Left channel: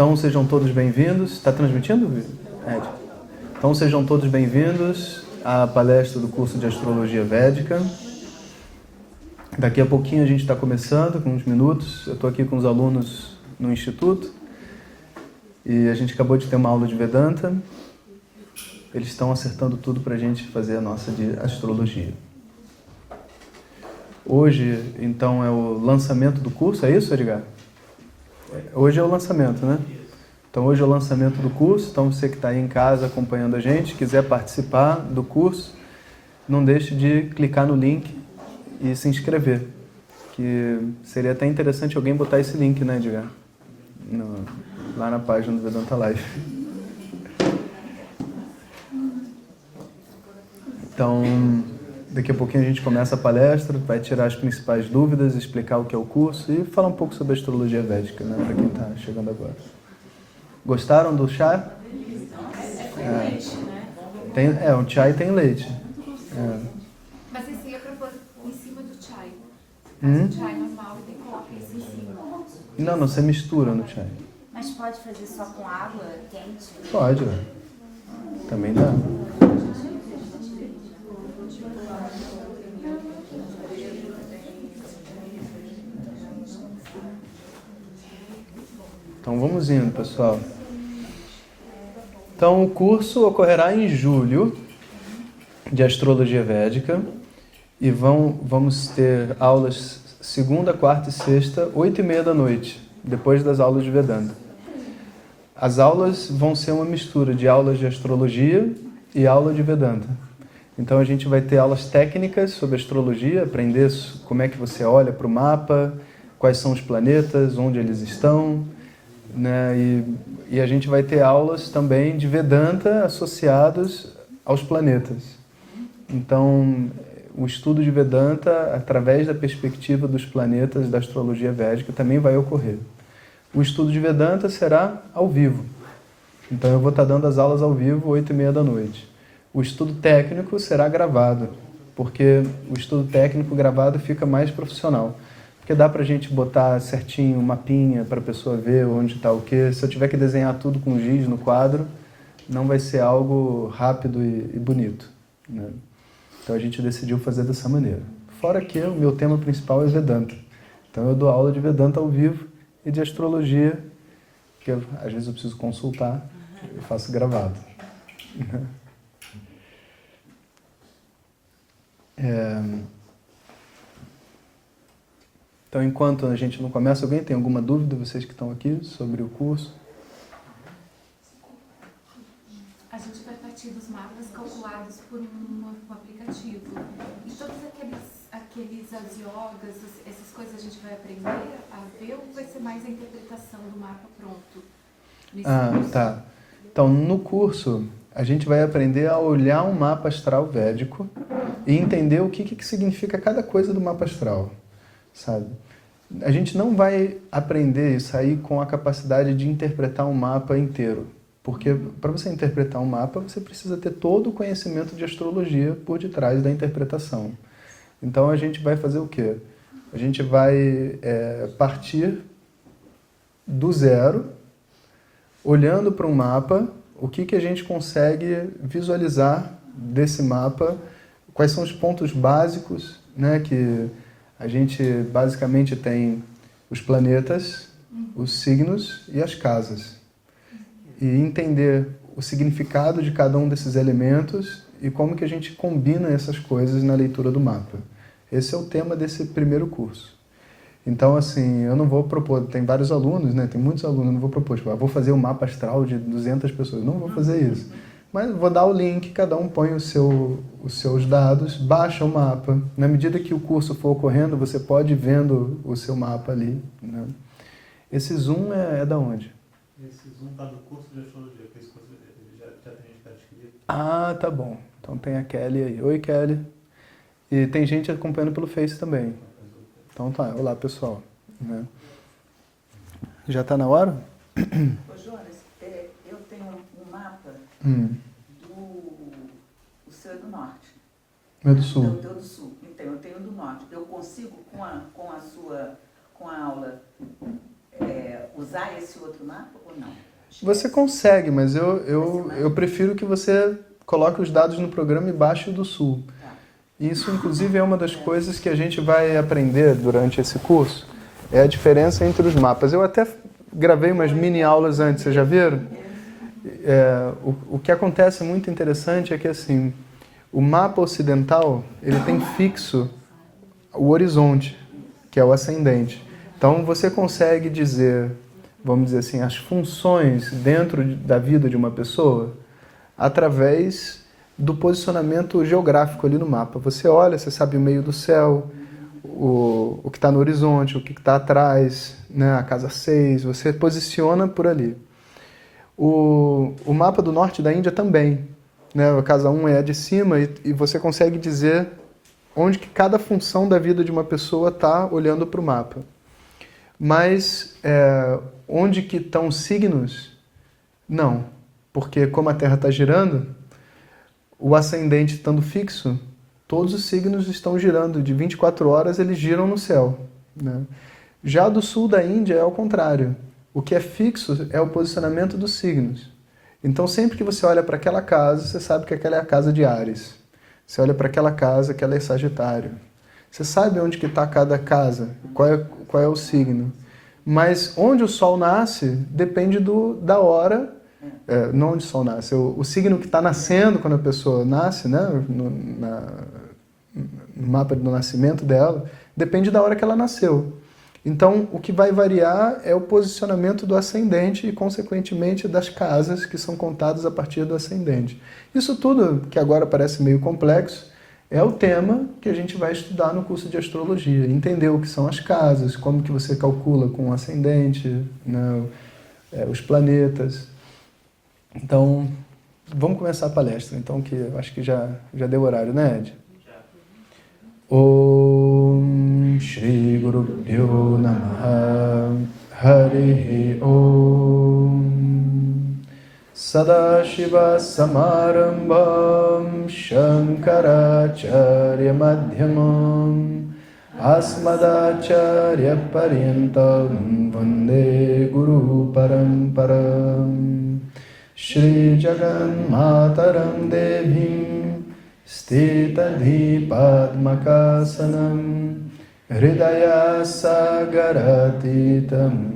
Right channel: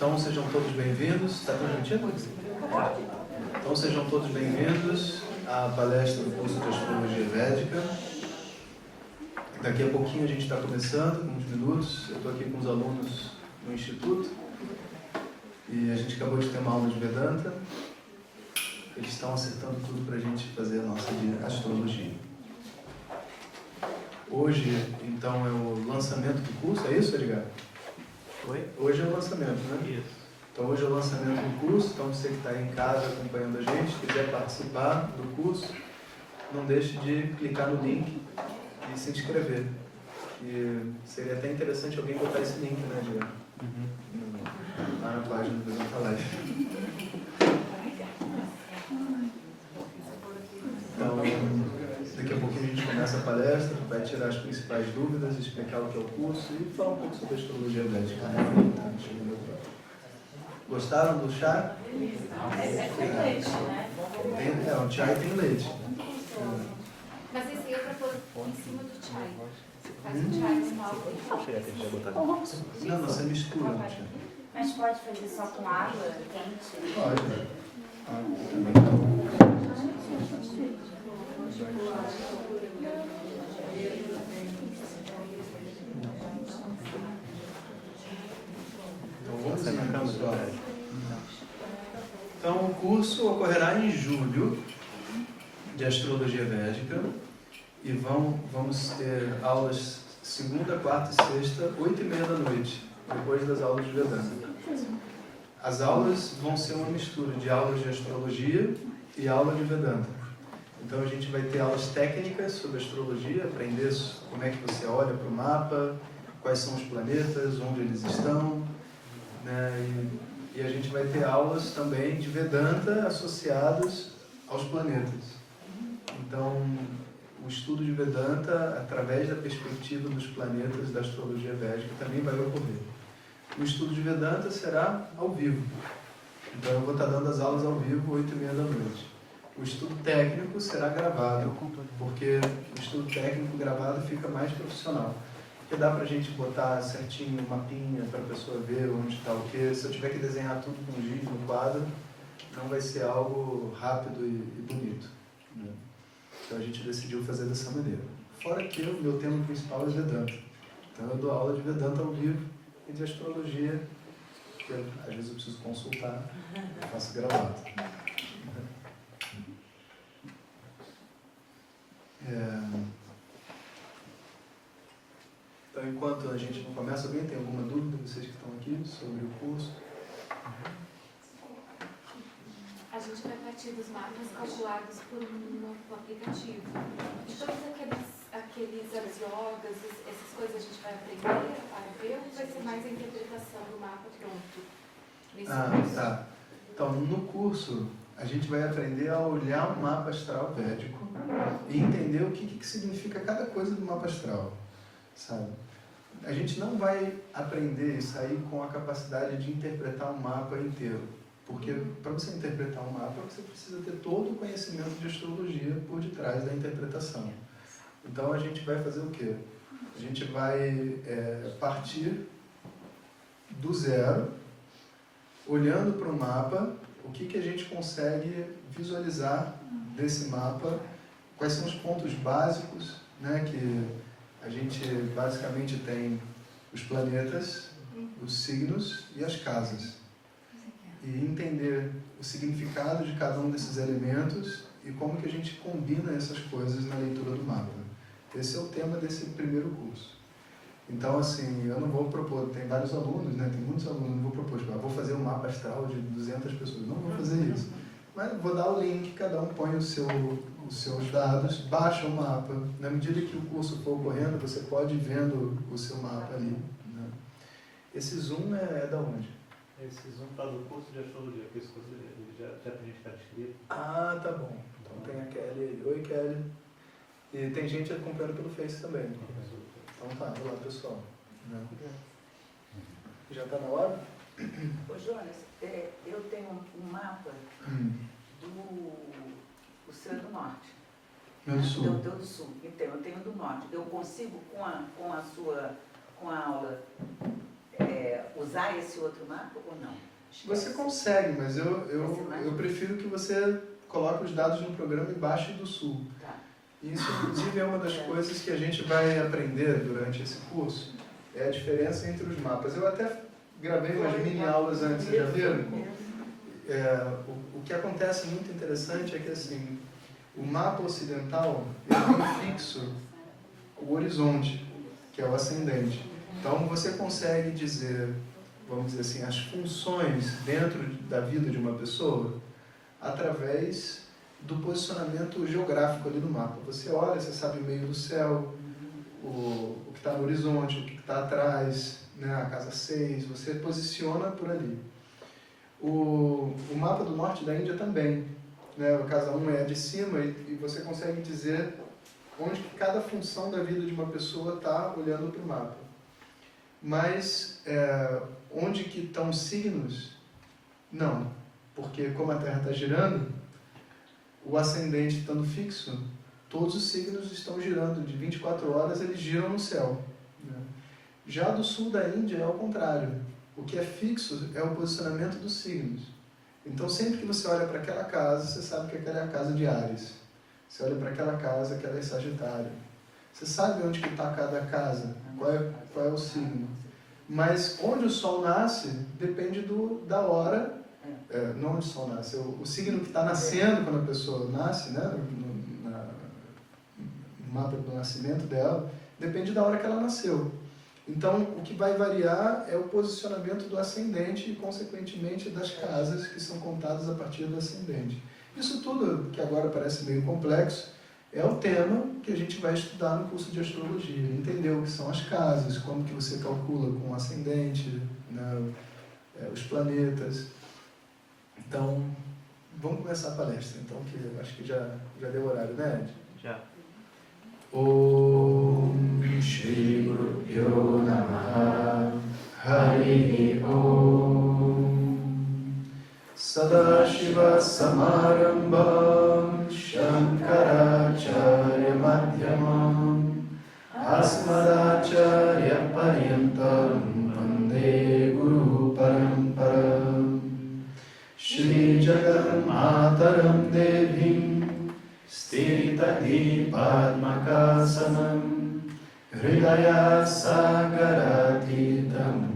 Então sejam todos bem-vindos. Está transmitindo, Ed? Então sejam todos bem-vindos à palestra do curso de Astrologia Védica. Daqui a pouquinho a gente está começando, com uns minutos. Eu estou aqui com os alunos no Instituto e a gente acabou de ter uma aula de Vedanta. Eles estão acertando tudo para a gente fazer a nossa de Astrologia. Hoje, então, é o lançamento do curso, é isso, Edgar? Hoje é o lançamento, né? Então, hoje é o lançamento do curso. Então, você que está aí em casa acompanhando a gente, quiser participar do curso, não deixe de clicar no link e se inscrever. Que seria até interessante alguém botar esse link, né, Edgar? Lá na página do Vedanta Live. Então, daqui a pouquinho a gente começa a palestra, vai tirar as principais dúvidas, explicar o que é o curso e falar um pouco sobre a astrologia védica, né, para quem está chegando agora. Gostaram do chá? Tem leite, né? O chai tem leite. Mas esse aí é para pôr em cima do chai. O chai normal tem que pôr em cima. Não, você mistura no chai. Mas pode fazer só com água quente? Pode. Também dá. Então vamos indo, pessoal. Então o curso ocorrerá em julho de Astrologia Védica e vamos ter aulas segunda, quarta e sexta, 8h30 da noite, depois das aulas de Vedanta. As aulas vão ser uma mistura de aulas de astrologia e aula de Vedanta. Então a gente vai ter aulas técnicas sobre astrologia, aprender como é que você olha para o mapa, quais são os planetas, onde eles estão, né? E a gente vai ter aulas também de Vedanta associados aos planetas. Então, o estudo de Vedanta, através da perspectiva dos planetas da astrologia védica, também vai ocorrer. O estudo de Vedanta será ao vivo. Então, eu vou estar dando as aulas ao vivo, 8h30 da noite. O estudo técnico será gravado, porque o estudo técnico gravado fica mais profissional. Porque dá pra gente botar certinho um mapinha para a pessoa ver onde está o quê. Se eu tiver que desenhar tudo com giz no quadro, não vai ser algo rápido e bonito, né? Então a gente decidiu fazer dessa maneira. Fora que o meu tema principal é Vedanta. Então eu dou aula de Vedanta ao vivo e de astrologia, que às vezes eu preciso consultar, eu faço gravado. Então, enquanto a gente não começa, alguém tem alguma dúvida, vocês que estão aqui, sobre o curso? A gente vai partir dos mapas calculados por um aplicativo. E todos aqueles as yogas, essas coisas a gente vai aprender a ver ou vai ser mais a interpretação do mapa pronto? Tá. Então, no curso, a gente vai aprender a olhar um mapa astral védico e entender o que significa cada coisa do mapa astral, sabe? A gente não vai aprender e sair com a capacidade de interpretar um mapa inteiro. Porque para você interpretar um mapa, você precisa ter todo o conhecimento de astrologia por detrás da interpretação. Então a gente vai fazer o quê? A gente vai partir do zero, olhando para um mapa, o que a gente consegue visualizar desse mapa, quais são os pontos básicos, né, que a gente basicamente tem os planetas, os signos e as casas. E entender o significado de cada um desses elementos e como que a gente combina essas coisas na leitura do mapa. Esse é o tema desse primeiro curso. Então, assim, eu não vou propor, tem vários alunos, né? Tem muitos alunos, eu não vou propor, tipo, vou fazer um mapa astral de 200 pessoas. Não vou fazer isso. Mas vou dar o link, cada um põe os seus dados, baixa o mapa. Na medida que o curso for ocorrendo, você pode ir vendo o seu mapa ali, né? Esse Zoom é da onde? Esse Zoom está do curso de astrologia, porque esse curso já tem gente que está inscrito. Ah, tá bom. Então tem a Kelly aí. Oi, Kelly. E tem gente acompanhando pelo Face também. Então tá, olá pessoal. Né? Já está na hora? Ô Jonas, eu tenho um mapa do seu do norte. Meu do sul. Do teu do sul. Então, eu tenho do norte. Eu consigo, com a aula, usar esse outro mapa ou não? Você consegue, mas eu prefiro que você coloque os dados no programa e baixe do Sul. Tá. Isso, inclusive, é uma das coisas que a gente vai aprender durante esse curso, é a diferença entre os mapas. Eu até gravei umas mini aulas antes, vocês já viram? O que acontece muito interessante é que, assim, o mapa ocidental, ele tem fixo o horizonte, que é o ascendente. Então, você consegue dizer, vamos dizer assim, as funções dentro da vida de uma pessoa através do posicionamento geográfico ali no mapa. Você olha, você sabe o meio do céu, o que está no horizonte, o que está atrás, né, a casa 6, você posiciona por ali. O mapa do norte da Índia também, né, a casa 1 é a de cima e você consegue dizer onde que cada função da vida de uma pessoa está olhando para o mapa. Mas onde que estão os signos? Não, porque como a Terra está girando, o ascendente estando fixo, todos os signos estão girando, de 24 horas eles giram no céu, né? Já do sul da Índia é ao contrário. O que é fixo é o posicionamento dos signos. Então, sempre que você olha para aquela casa, você sabe que aquela é a casa de Áries. Você olha para aquela casa, aquela é Sagitário. Você sabe onde que está cada casa, qual é o signo. Mas onde o Sol nasce depende da hora, não onde o Sol nasce, o signo que está nascendo quando a pessoa nasce, né, no mapa do nascimento dela, depende da hora que ela nasceu. Então, o que vai variar é o posicionamento do ascendente e, consequentemente, das casas que são contadas a partir do ascendente. Isso tudo, que agora parece meio complexo, é o tema que a gente vai estudar no curso de astrologia. Entender o que são as casas, como que você calcula com o ascendente, né, os planetas. Então, vamos começar a palestra, então, que eu acho que já deu horário, né, Ed? Já. Om Shri Guru Pyo Namaha Hari Om Sadashiva Samarambham Shankaracharya Madhyamam Asmadacharya Paryantam Vande Guru Paramparam Shri Jaganmataram Devim Stitadhi Padmakasanam Hridaya Sagaratitam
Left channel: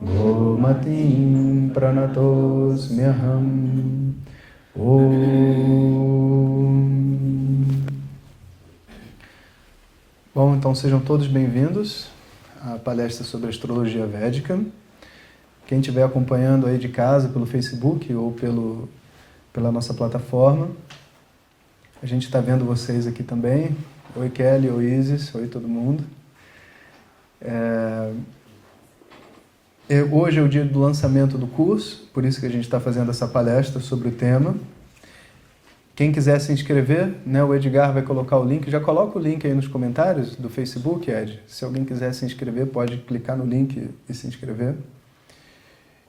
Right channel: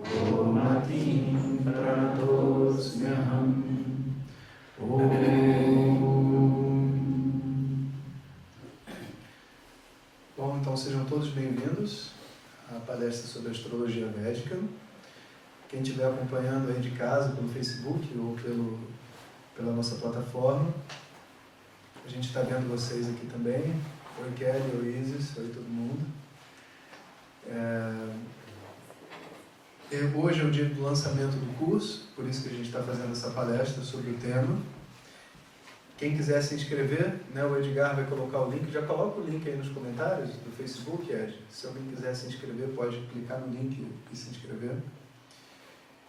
Gomatim Pranatosmyaham Om. Bom, então sejam todos bem-vindos à palestra sobre astrologia védica. Quem estiver acompanhando aí de casa pelo Facebook ou pela nossa plataforma, a gente está vendo vocês aqui também. Oi Kelly, oi Isis, oi todo mundo. Hoje é o dia do lançamento do curso, por isso que a gente está fazendo essa palestra sobre o tema. Quem quiser se inscrever, né, o Edgar vai colocar o link. Já coloca o link aí nos comentários do Facebook, Ed. Se alguém quiser se inscrever, pode clicar no link e se inscrever.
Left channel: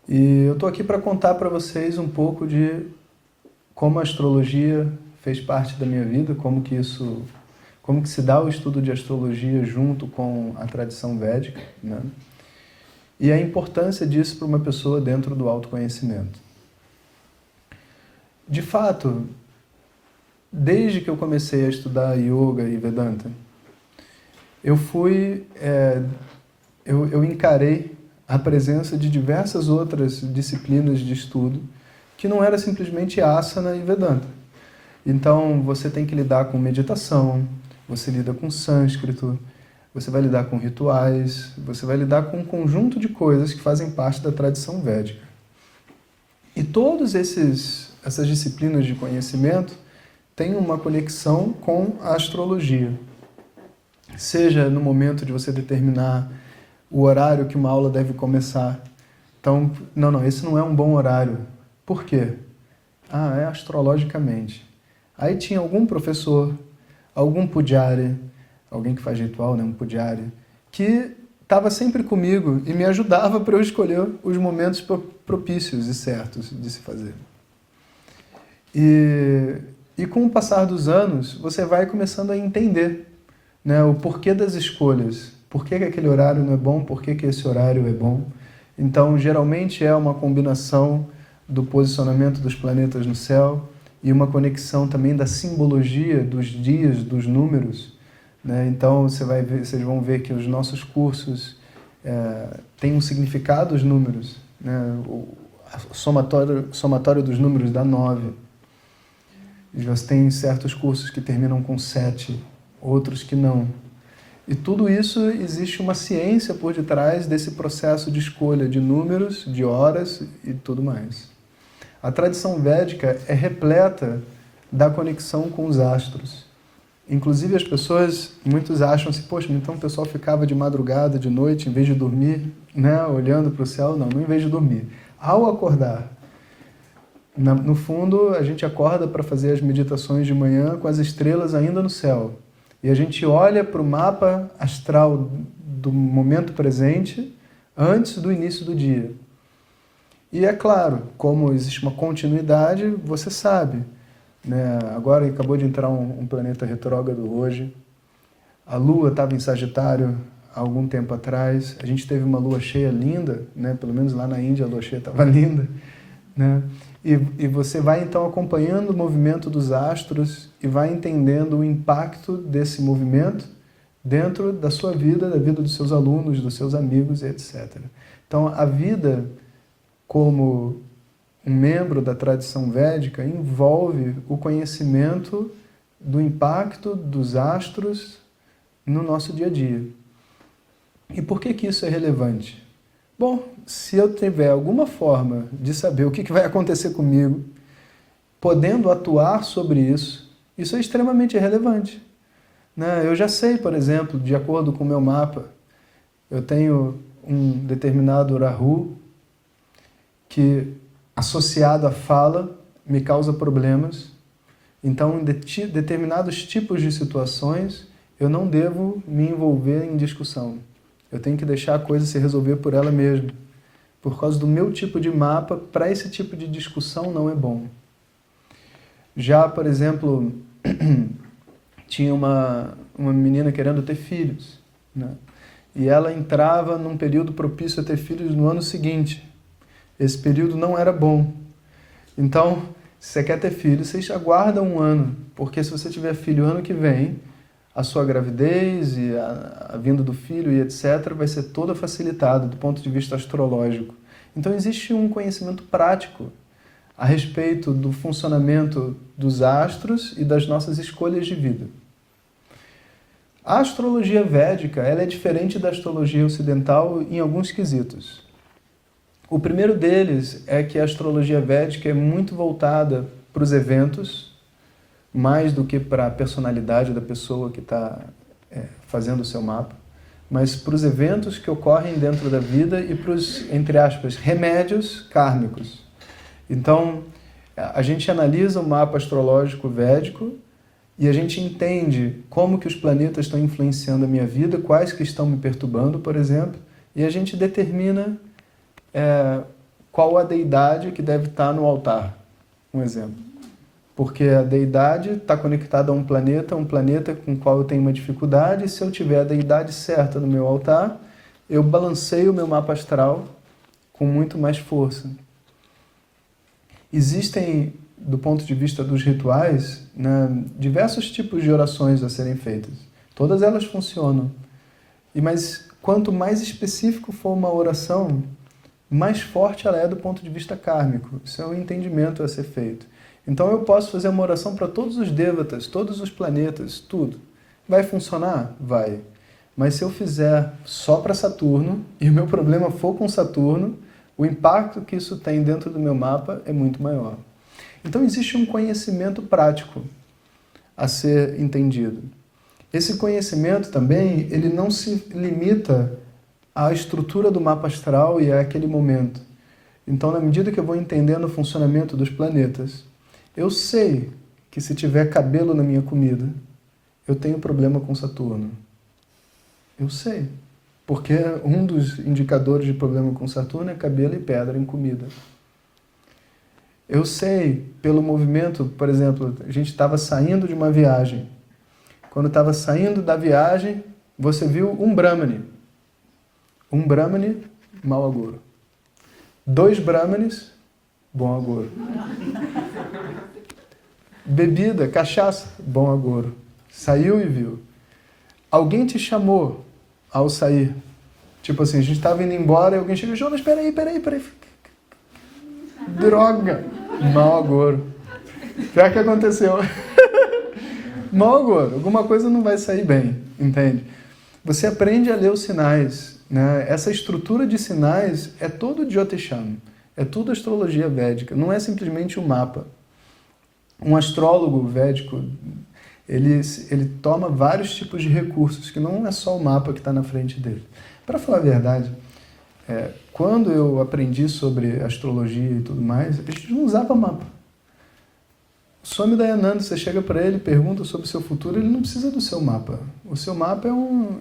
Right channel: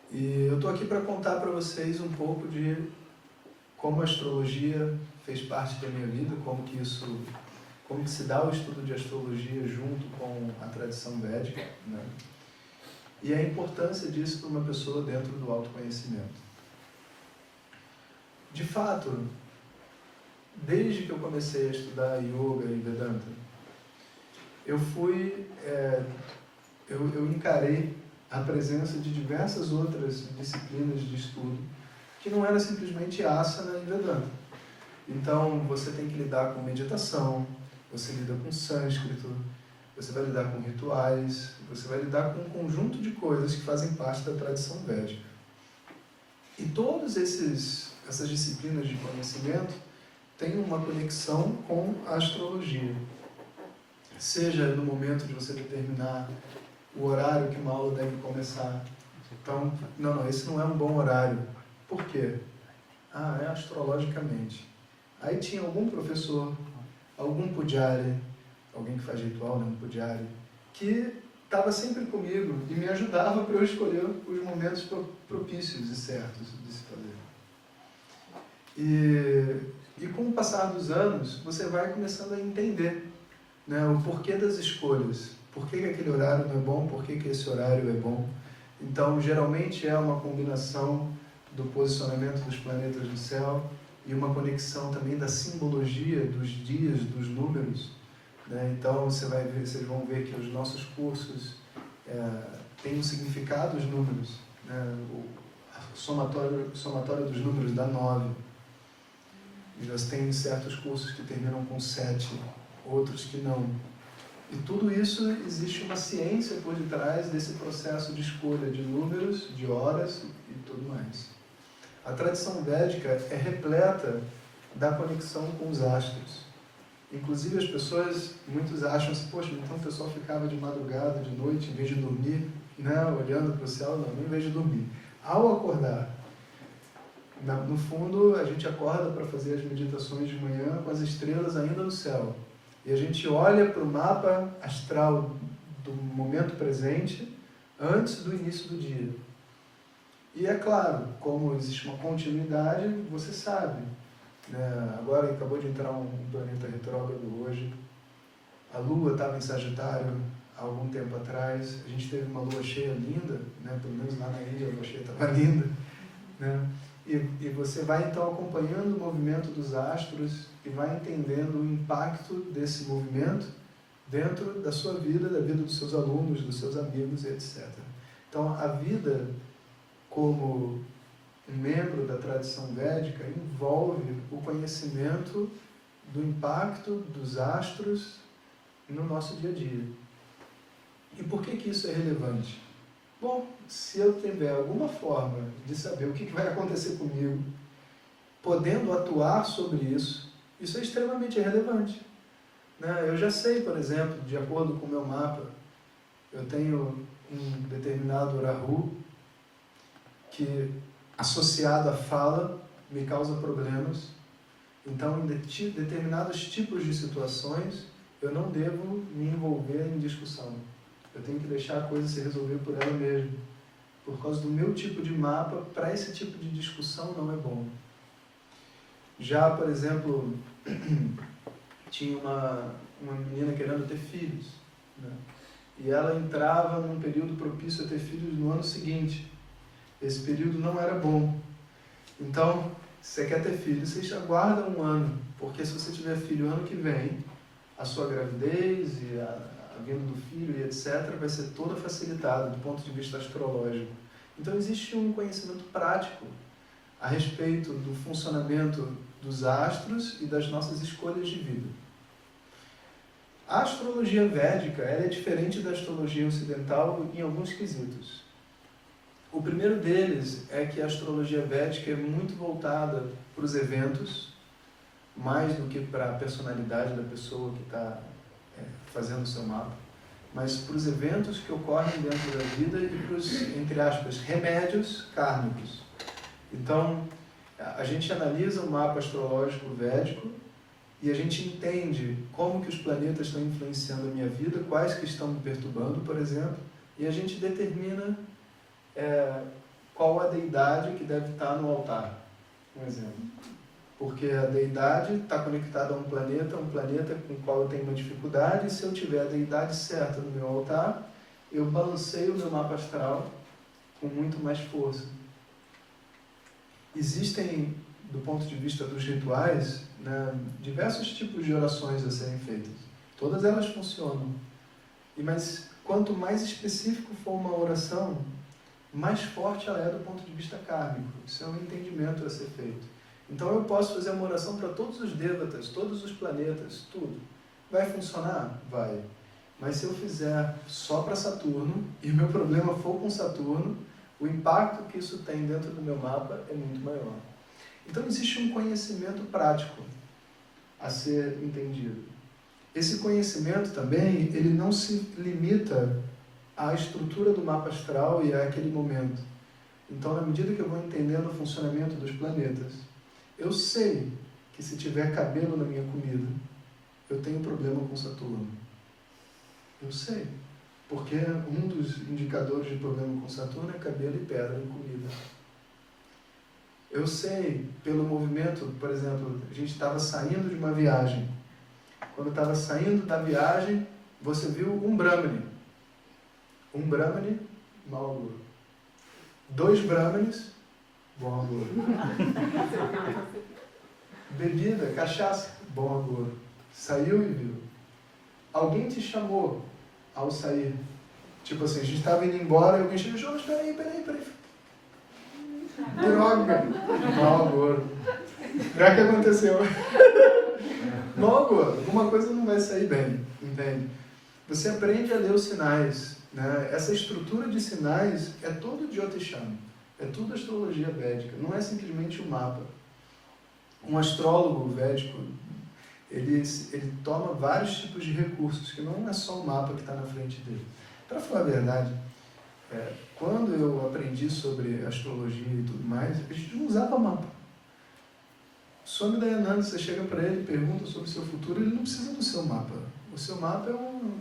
E eu estou aqui para contar para vocês um pouco de como a astrologia fez parte da minha vida, como que se dá o estudo de astrologia junto com a tradição védica, né? E a importância disso para uma pessoa dentro do autoconhecimento. De fato, desde que eu comecei a estudar Yoga e Vedanta, eu encarei a presença de diversas outras disciplinas de estudo que não era simplesmente Asana e Vedanta. Então, você tem que lidar com meditação, você lida com sânscrito, você vai lidar com rituais, você vai lidar com um conjunto de coisas que fazem parte da tradição védica. E todas essas disciplinas de conhecimento têm uma conexão com a astrologia. Seja no momento de você determinar o horário que uma aula deve começar. Então, não, esse não é um bom horário. Por quê? É astrologicamente. Aí tinha algum professor, algum pujari, alguém que faz ritual, né, um pujari, que estava sempre comigo e me ajudava para eu escolher os momentos propícios e certos de se fazer. E com o passar dos anos, você vai começando a entender, né, o porquê das escolhas. Por que aquele horário não é bom? Por que esse horário é bom? Então, geralmente é uma combinação do posicionamento dos planetas no céu e uma conexão também da simbologia dos dias, dos números, né? Então, vocês vão ver que os nossos cursos têm um significado, os números, né? O somatório dos números dá 9. Você tem certos cursos que terminam com 7, outros que não. E tudo isso, existe uma ciência por detrás desse processo de escolha de números, de horas e tudo mais. A tradição védica é repleta da conexão com os astros. Inclusive as pessoas, muitos acham assim, poxa, então o pessoal ficava de madrugada, de noite, em vez de dormir, né, olhando para o céu. Não em vez de dormir. Ao acordar, no fundo, a gente acorda para fazer as meditações de manhã com as estrelas ainda no céu. E a gente olha para o mapa astral do momento presente antes do início do dia. E é claro, como existe uma continuidade, você sabe, né? Agora acabou de entrar um planeta retrógrado hoje. A Lua estava em Sagitário há algum tempo atrás. A gente teve uma lua cheia linda, né? Pelo menos lá na Índia a lua cheia estava linda, né? E você vai então acompanhando o movimento dos astros e vai entendendo o impacto desse movimento dentro da sua vida, da vida dos seus alunos, dos seus amigos, etc. Então a vida como um membro da tradição védica envolve o conhecimento do impacto dos astros no nosso dia a dia. E por que isso é relevante? Bom, se eu tiver alguma forma de saber o que vai acontecer comigo, podendo atuar sobre isso, isso é extremamente relevante, né? Eu já sei, por exemplo, de acordo com o meu mapa, eu tenho um determinado Rahu que, associado à fala, me causa problemas. Então, em determinados tipos de situações, eu não devo me envolver em discussão. Eu tenho que deixar a coisa se resolver por ela mesma. Por causa do meu tipo de mapa, para esse tipo de discussão não é bom. Já, por exemplo, tinha uma menina querendo ter filhos, né? E ela entrava num período propício a ter filhos no ano seguinte. Esse período não era bom. Então, se você quer ter filho, você aguarda um ano, porque se você tiver filho ano que vem, a sua gravidez e a vinda do filho e etc. vai ser toda facilitada do ponto de vista astrológico. Então existe um conhecimento prático a respeito do funcionamento dos astros e das nossas escolhas de vida. A astrologia védica ela é diferente da astrologia ocidental em alguns quesitos. O primeiro deles é que a astrologia védica é muito voltada para os eventos, mais do que para a personalidade da pessoa que está fazendo o seu mapa, mas para os eventos que ocorrem dentro da vida e para os, entre aspas, remédios kármicos. Então, a gente analisa o mapa astrológico védico e a gente entende como que os planetas estão influenciando a minha vida, quais que estão me perturbando, por exemplo, e a gente determina qual a deidade que deve estar no altar, um exemplo. Porque a deidade está conectada a um planeta com o qual eu tenho uma dificuldade, e se eu tiver a deidade certa no meu altar, eu balanceio o meu mapa astral com muito mais força. Existem, do ponto de vista dos rituais, né, diversos tipos de orações a serem feitas. Todas elas funcionam. Mas quanto mais específico for uma oração, mais forte ela é do ponto de vista kármico. Isso é um entendimento a ser feito. Então eu posso fazer uma oração para todos os devatas, todos os planetas, tudo. Vai funcionar? Vai. Mas se eu fizer só para Saturno, e o meu problema for com Saturno, o impacto que isso tem dentro do meu mapa é muito maior. Então existe um conhecimento prático a ser entendido. Esse conhecimento também, ele não se limita à estrutura do mapa astral e àquele momento. Então, na medida que eu vou entendendo o funcionamento dos planetas, eu sei que se tiver cabelo na minha comida, eu tenho problema com Saturno. Eu sei. Porque um dos indicadores de problema com Saturno é cabelo e pedra em comida. Eu sei, pelo movimento, por exemplo, a gente estava saindo de uma viagem. Quando estava saindo da viagem, Você viu um Brahmane. Um Brahmane, mau agouro. 2 Brahmanes, bom agouro. Bebida, cachaça, bom agouro. Saiu e viu. Alguém te chamou ao sair. Tipo assim, a gente estava indo embora e alguém chegou, Jonas, peraí. Droga, mau agouro. Pior que aconteceu. Mau agouro, alguma coisa não vai sair bem, entende? Você aprende a ler os sinais, né? Essa estrutura de sinais é todo Jyotisham, é tudo astrologia védica, não é simplesmente um mapa. Um astrólogo védico, ele toma vários tipos de recursos, que não é só o mapa que está na frente dele. Para falar a verdade, quando eu aprendi sobre astrologia e tudo mais, a gente não usava mapa. O Swami Dayananda, você chega para ele, pergunta sobre o seu futuro, ele não precisa do seu mapa. O seu mapa é um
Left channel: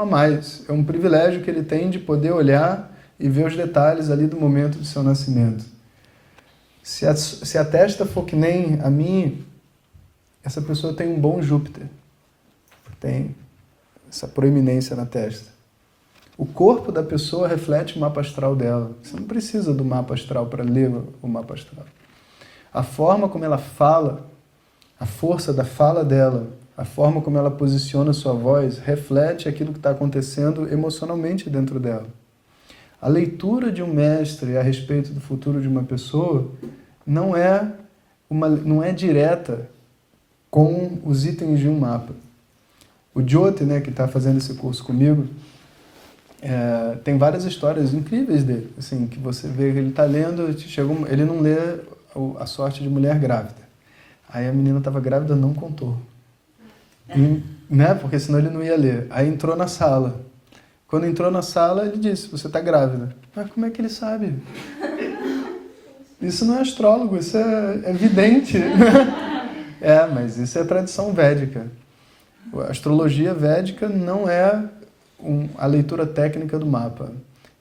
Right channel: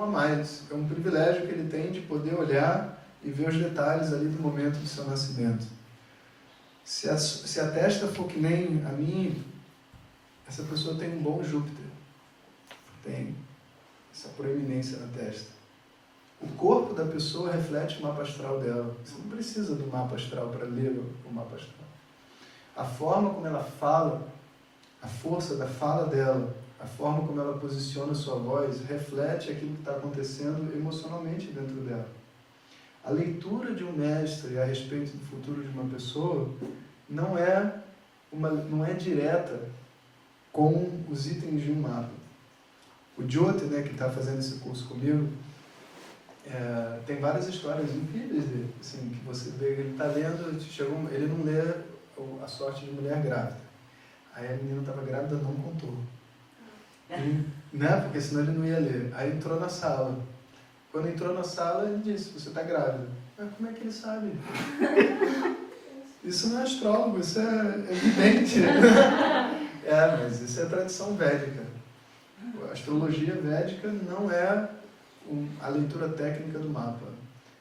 a mais, é um privilégio que ele tem de poder olhar e ver os detalhes ali do momento do seu nascimento. Se a testa for que nem a minha, essa pessoa tem um bom Júpiter, tem essa proeminência na testa. O corpo da pessoa reflete o mapa astral dela. Você não precisa do mapa astral para ler o mapa astral. A forma como ela fala, a força da fala dela, a forma como ela posiciona sua voz, reflete aquilo que está acontecendo emocionalmente dentro dela. A leitura de um mestre a respeito do futuro de uma pessoa não é direta com os itens de um mapa. O Jyoti, né, que está fazendo esse curso comigo, tem várias histórias incríveis dele, assim, que você vê que ele está lendo, ele não lê a sorte de mulher grávida. Aí a menina estava grávida, não contou. Né? Porque senão ele não ia ler. Aí entrou na sala. Quando entrou na sala, ele disse, você está grávida. Mas como é que ele sabe? Isso não é astrólogo, isso é evidente. Mas isso é tradição védica. A astrologia védica não é a leitura técnica do mapa.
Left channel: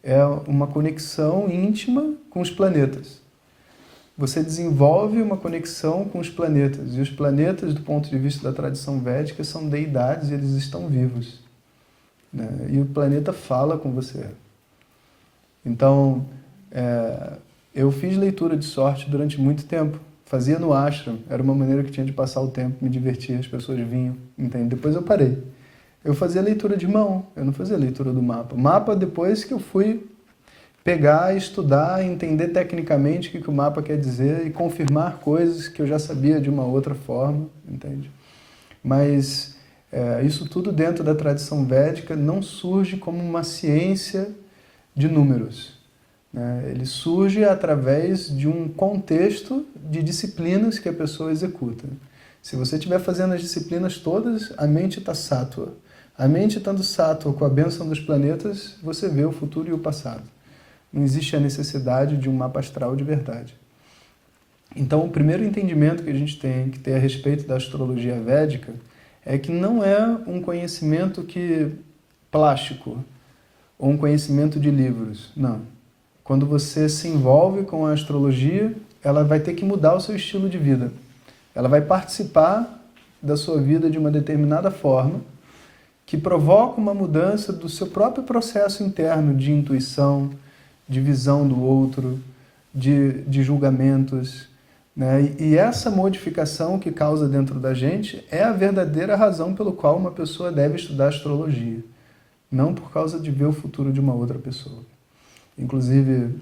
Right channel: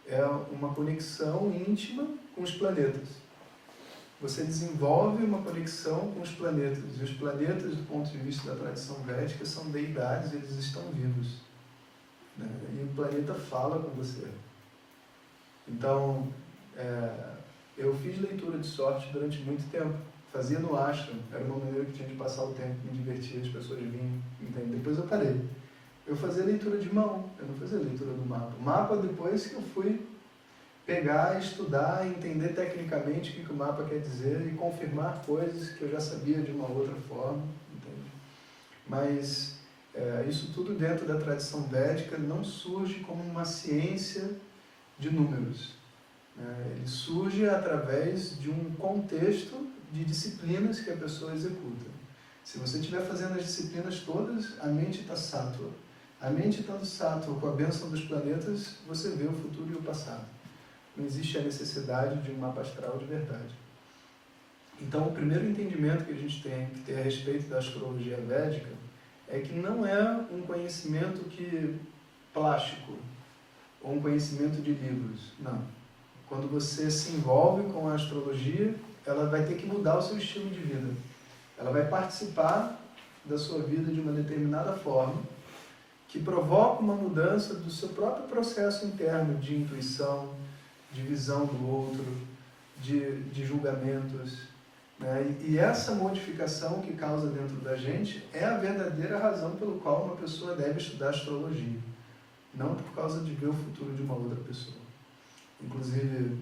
É uma conexão íntima com os planetas. Você desenvolve uma conexão com os planetas. E os planetas, do ponto de vista da tradição védica, são deidades, eles estão vivos. Né? E o planeta fala com você. Então, eu fiz leitura de sorte durante muito tempo. Fazia no ashram. Era uma maneira que tinha de passar o tempo, me divertir, as pessoas vinham. Entende? Depois eu parei. Eu fazia leitura de mão, eu não fazia leitura do mapa. Mapa depois que eu fui pegar, estudar, entender tecnicamente o que o mapa quer dizer e confirmar coisas que eu já sabia de uma outra forma, entende? Mas isso tudo dentro da tradição védica não surge como uma ciência de números, né? Ele surge através de um contexto de disciplinas que a pessoa executa. Se você estiver fazendo as disciplinas todas, a mente está sátua. A mente estando sátua com a bênção dos planetas, você vê o futuro e o passado. Não existe a necessidade de um mapa astral de verdade. Então, o primeiro entendimento que a gente tem que ter a respeito da astrologia védica é que não é um conhecimento plástico ou um conhecimento de livros. Não. Quando você se envolve com a astrologia, ela vai ter que mudar o seu estilo de vida. Ela vai participar da sua vida de uma determinada forma que provoca uma mudança do seu próprio processo interno de intuição, de visão do outro, de julgamentos, né? E essa modificação que causa dentro da gente é a verdadeira razão pelo qual uma pessoa deve estudar astrologia, não por causa de ver o futuro de uma outra pessoa. Inclusive,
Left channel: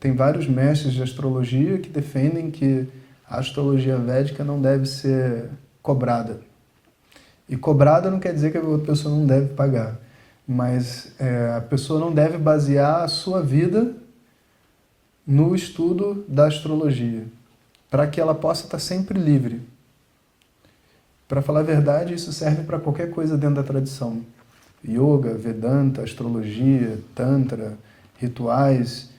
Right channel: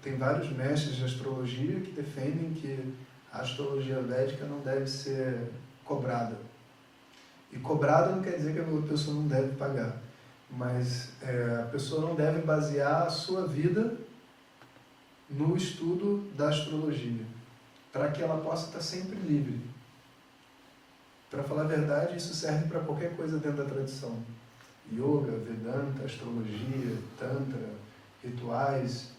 tem vários mestres de astrologia que defendem que a astrologia védica não deve ser cobrada. E cobrada não quer dizer que a outra pessoa não deve pagar. Mas a pessoa não deve basear a sua vida no estudo da astrologia, para que ela possa estar sempre livre. Para falar a verdade, isso serve para qualquer coisa dentro da tradição. Yoga, Vedanta, astrologia, Tantra, rituais.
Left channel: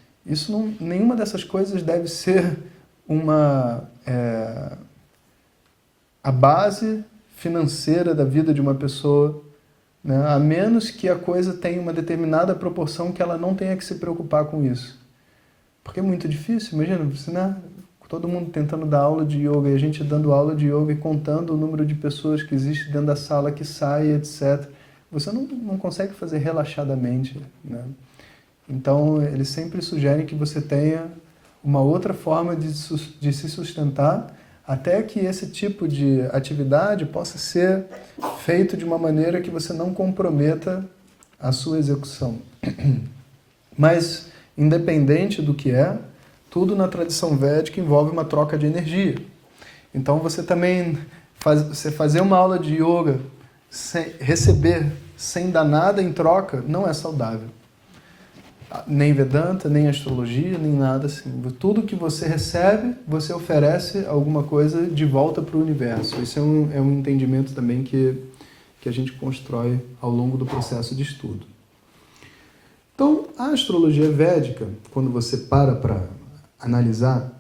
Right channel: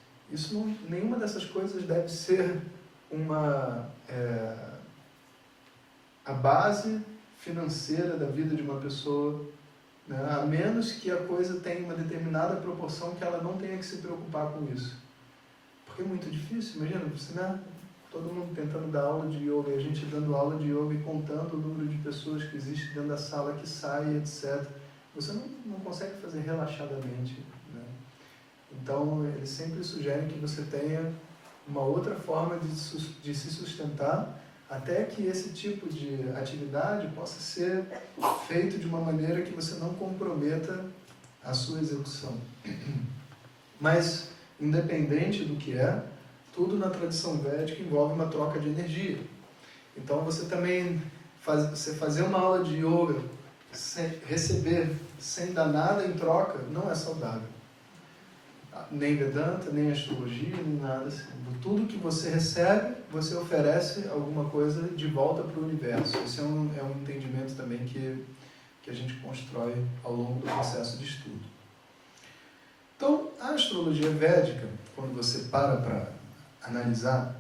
Nenhuma dessas coisas deve ser a base financeira da vida de uma pessoa, né? A menos que a coisa tenha uma determinada proporção que ela não tenha que se preocupar com isso. Porque é muito difícil, imagina, né? Todo mundo tentando dar aula de yoga e a gente dando aula de yoga e contando o número de pessoas que existe dentro da sala, que sai, etc. você não consegue fazer relaxadamente, né? Então, eles sempre sugerem que você tenha uma outra forma de se sustentar, até que esse tipo de atividade possa ser feito de uma maneira que você não comprometa a sua execução. Mas, independente do que é, tudo na tradição védica envolve uma troca de energia. Então, você também você fazer uma aula de yoga, receber sem dar nada em troca, não é saudável. Nem Vedanta, nem astrologia, nem nada assim. Tudo que você recebe, você oferece alguma coisa de volta para o universo. Esse é um entendimento também que a gente constrói ao longo do processo de estudo. Então, a astrologia védica, quando você para analisar,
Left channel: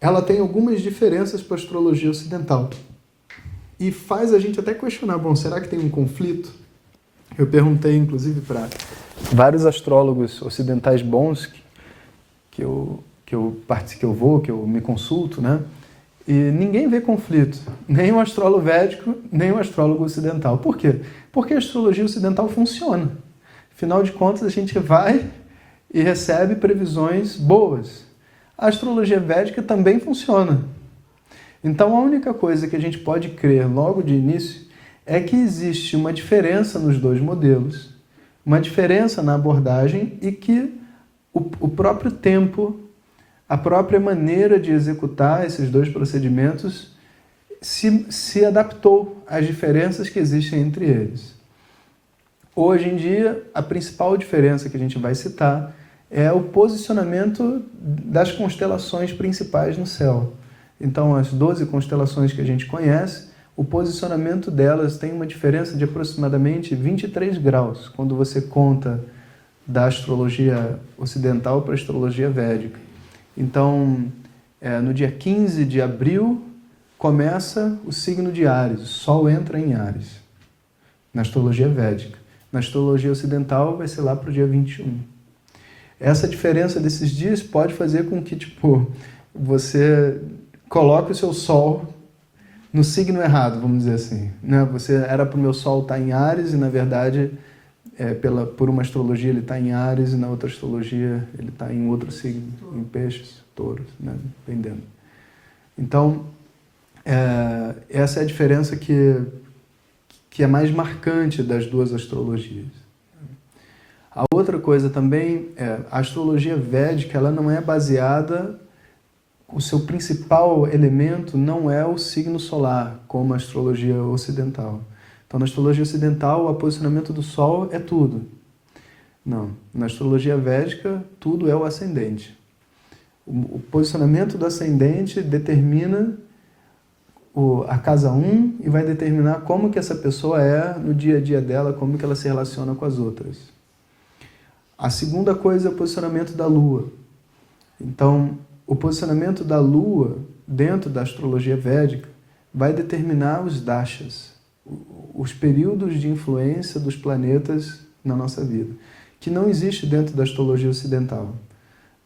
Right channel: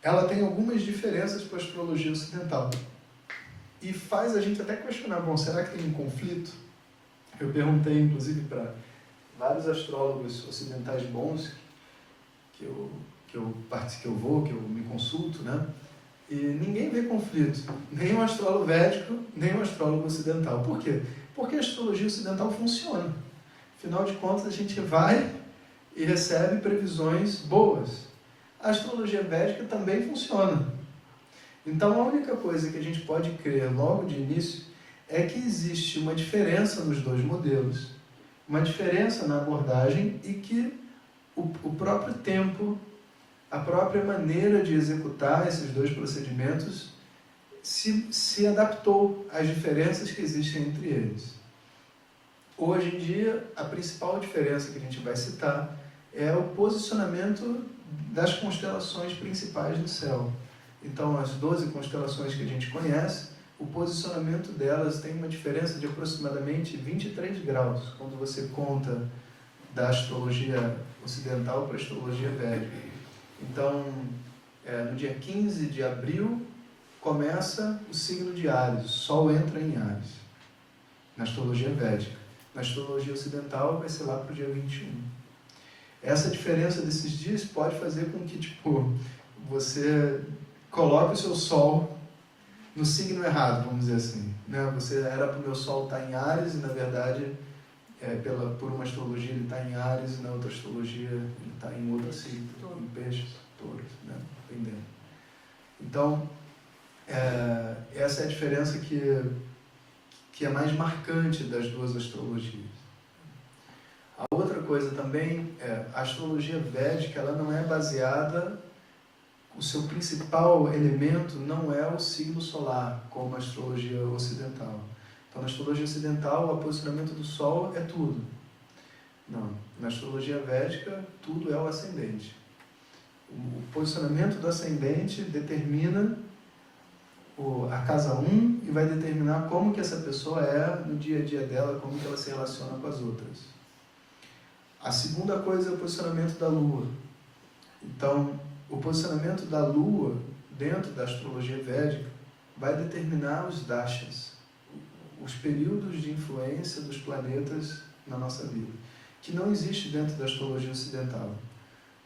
ela tem algumas diferenças para a astrologia ocidental. E faz a gente até questionar, bom, será que tem um conflito? Eu perguntei, inclusive, para vários astrólogos ocidentais bons que eu me consulto, né? E ninguém vê conflito, nem o astrólogo védico, nem o astrólogo ocidental. Por quê? Porque a astrologia ocidental funciona. Afinal de contas, a gente vai e recebe previsões boas. A astrologia védica também funciona. Então, a única coisa que a gente pode crer logo de início é que existe uma diferença nos dois modelos, uma diferença na abordagem e que o próprio tempo, a própria maneira de executar esses dois procedimentos se adaptou às diferenças que existem entre eles. Hoje em dia, a principal diferença que a gente vai citar é o posicionamento das constelações principais no céu. Então, as 12 constelações que a gente conhece, o posicionamento delas tem uma diferença de aproximadamente 23 graus, quando você conta da astrologia ocidental para a astrologia védica. Então, no dia 15 de abril, começa o signo de Áries, o Sol entra em Áries, na astrologia védica. Na astrologia ocidental, vai ser lá para o dia 21. Essa diferença desses dias pode fazer com que, você coloque o seu Sol no signo errado, vamos dizer assim, né? Você era para o meu Sol estar em Áries e, na verdade, por uma astrologia ele está em Áries e na outra astrologia ele está em outro signo, em Peixes, Touros, né? Dependendo. Então, essa é a diferença que é mais marcante das duas astrologias. A outra coisa também a astrologia védica, ela não é baseada, o seu principal elemento não é o signo solar, como a astrologia ocidental. Então, na astrologia ocidental, o posicionamento do Sol é tudo. Não, na astrologia védica, tudo é o ascendente. O posicionamento do ascendente determina a casa 1 e vai determinar como que essa pessoa é no dia a dia dela, como que ela se relaciona com as outras. A segunda coisa é o posicionamento da Lua. Então, o posicionamento da Lua dentro da astrologia védica vai determinar os dashas, os períodos de influência dos planetas na nossa vida, que não existe dentro da astrologia ocidental.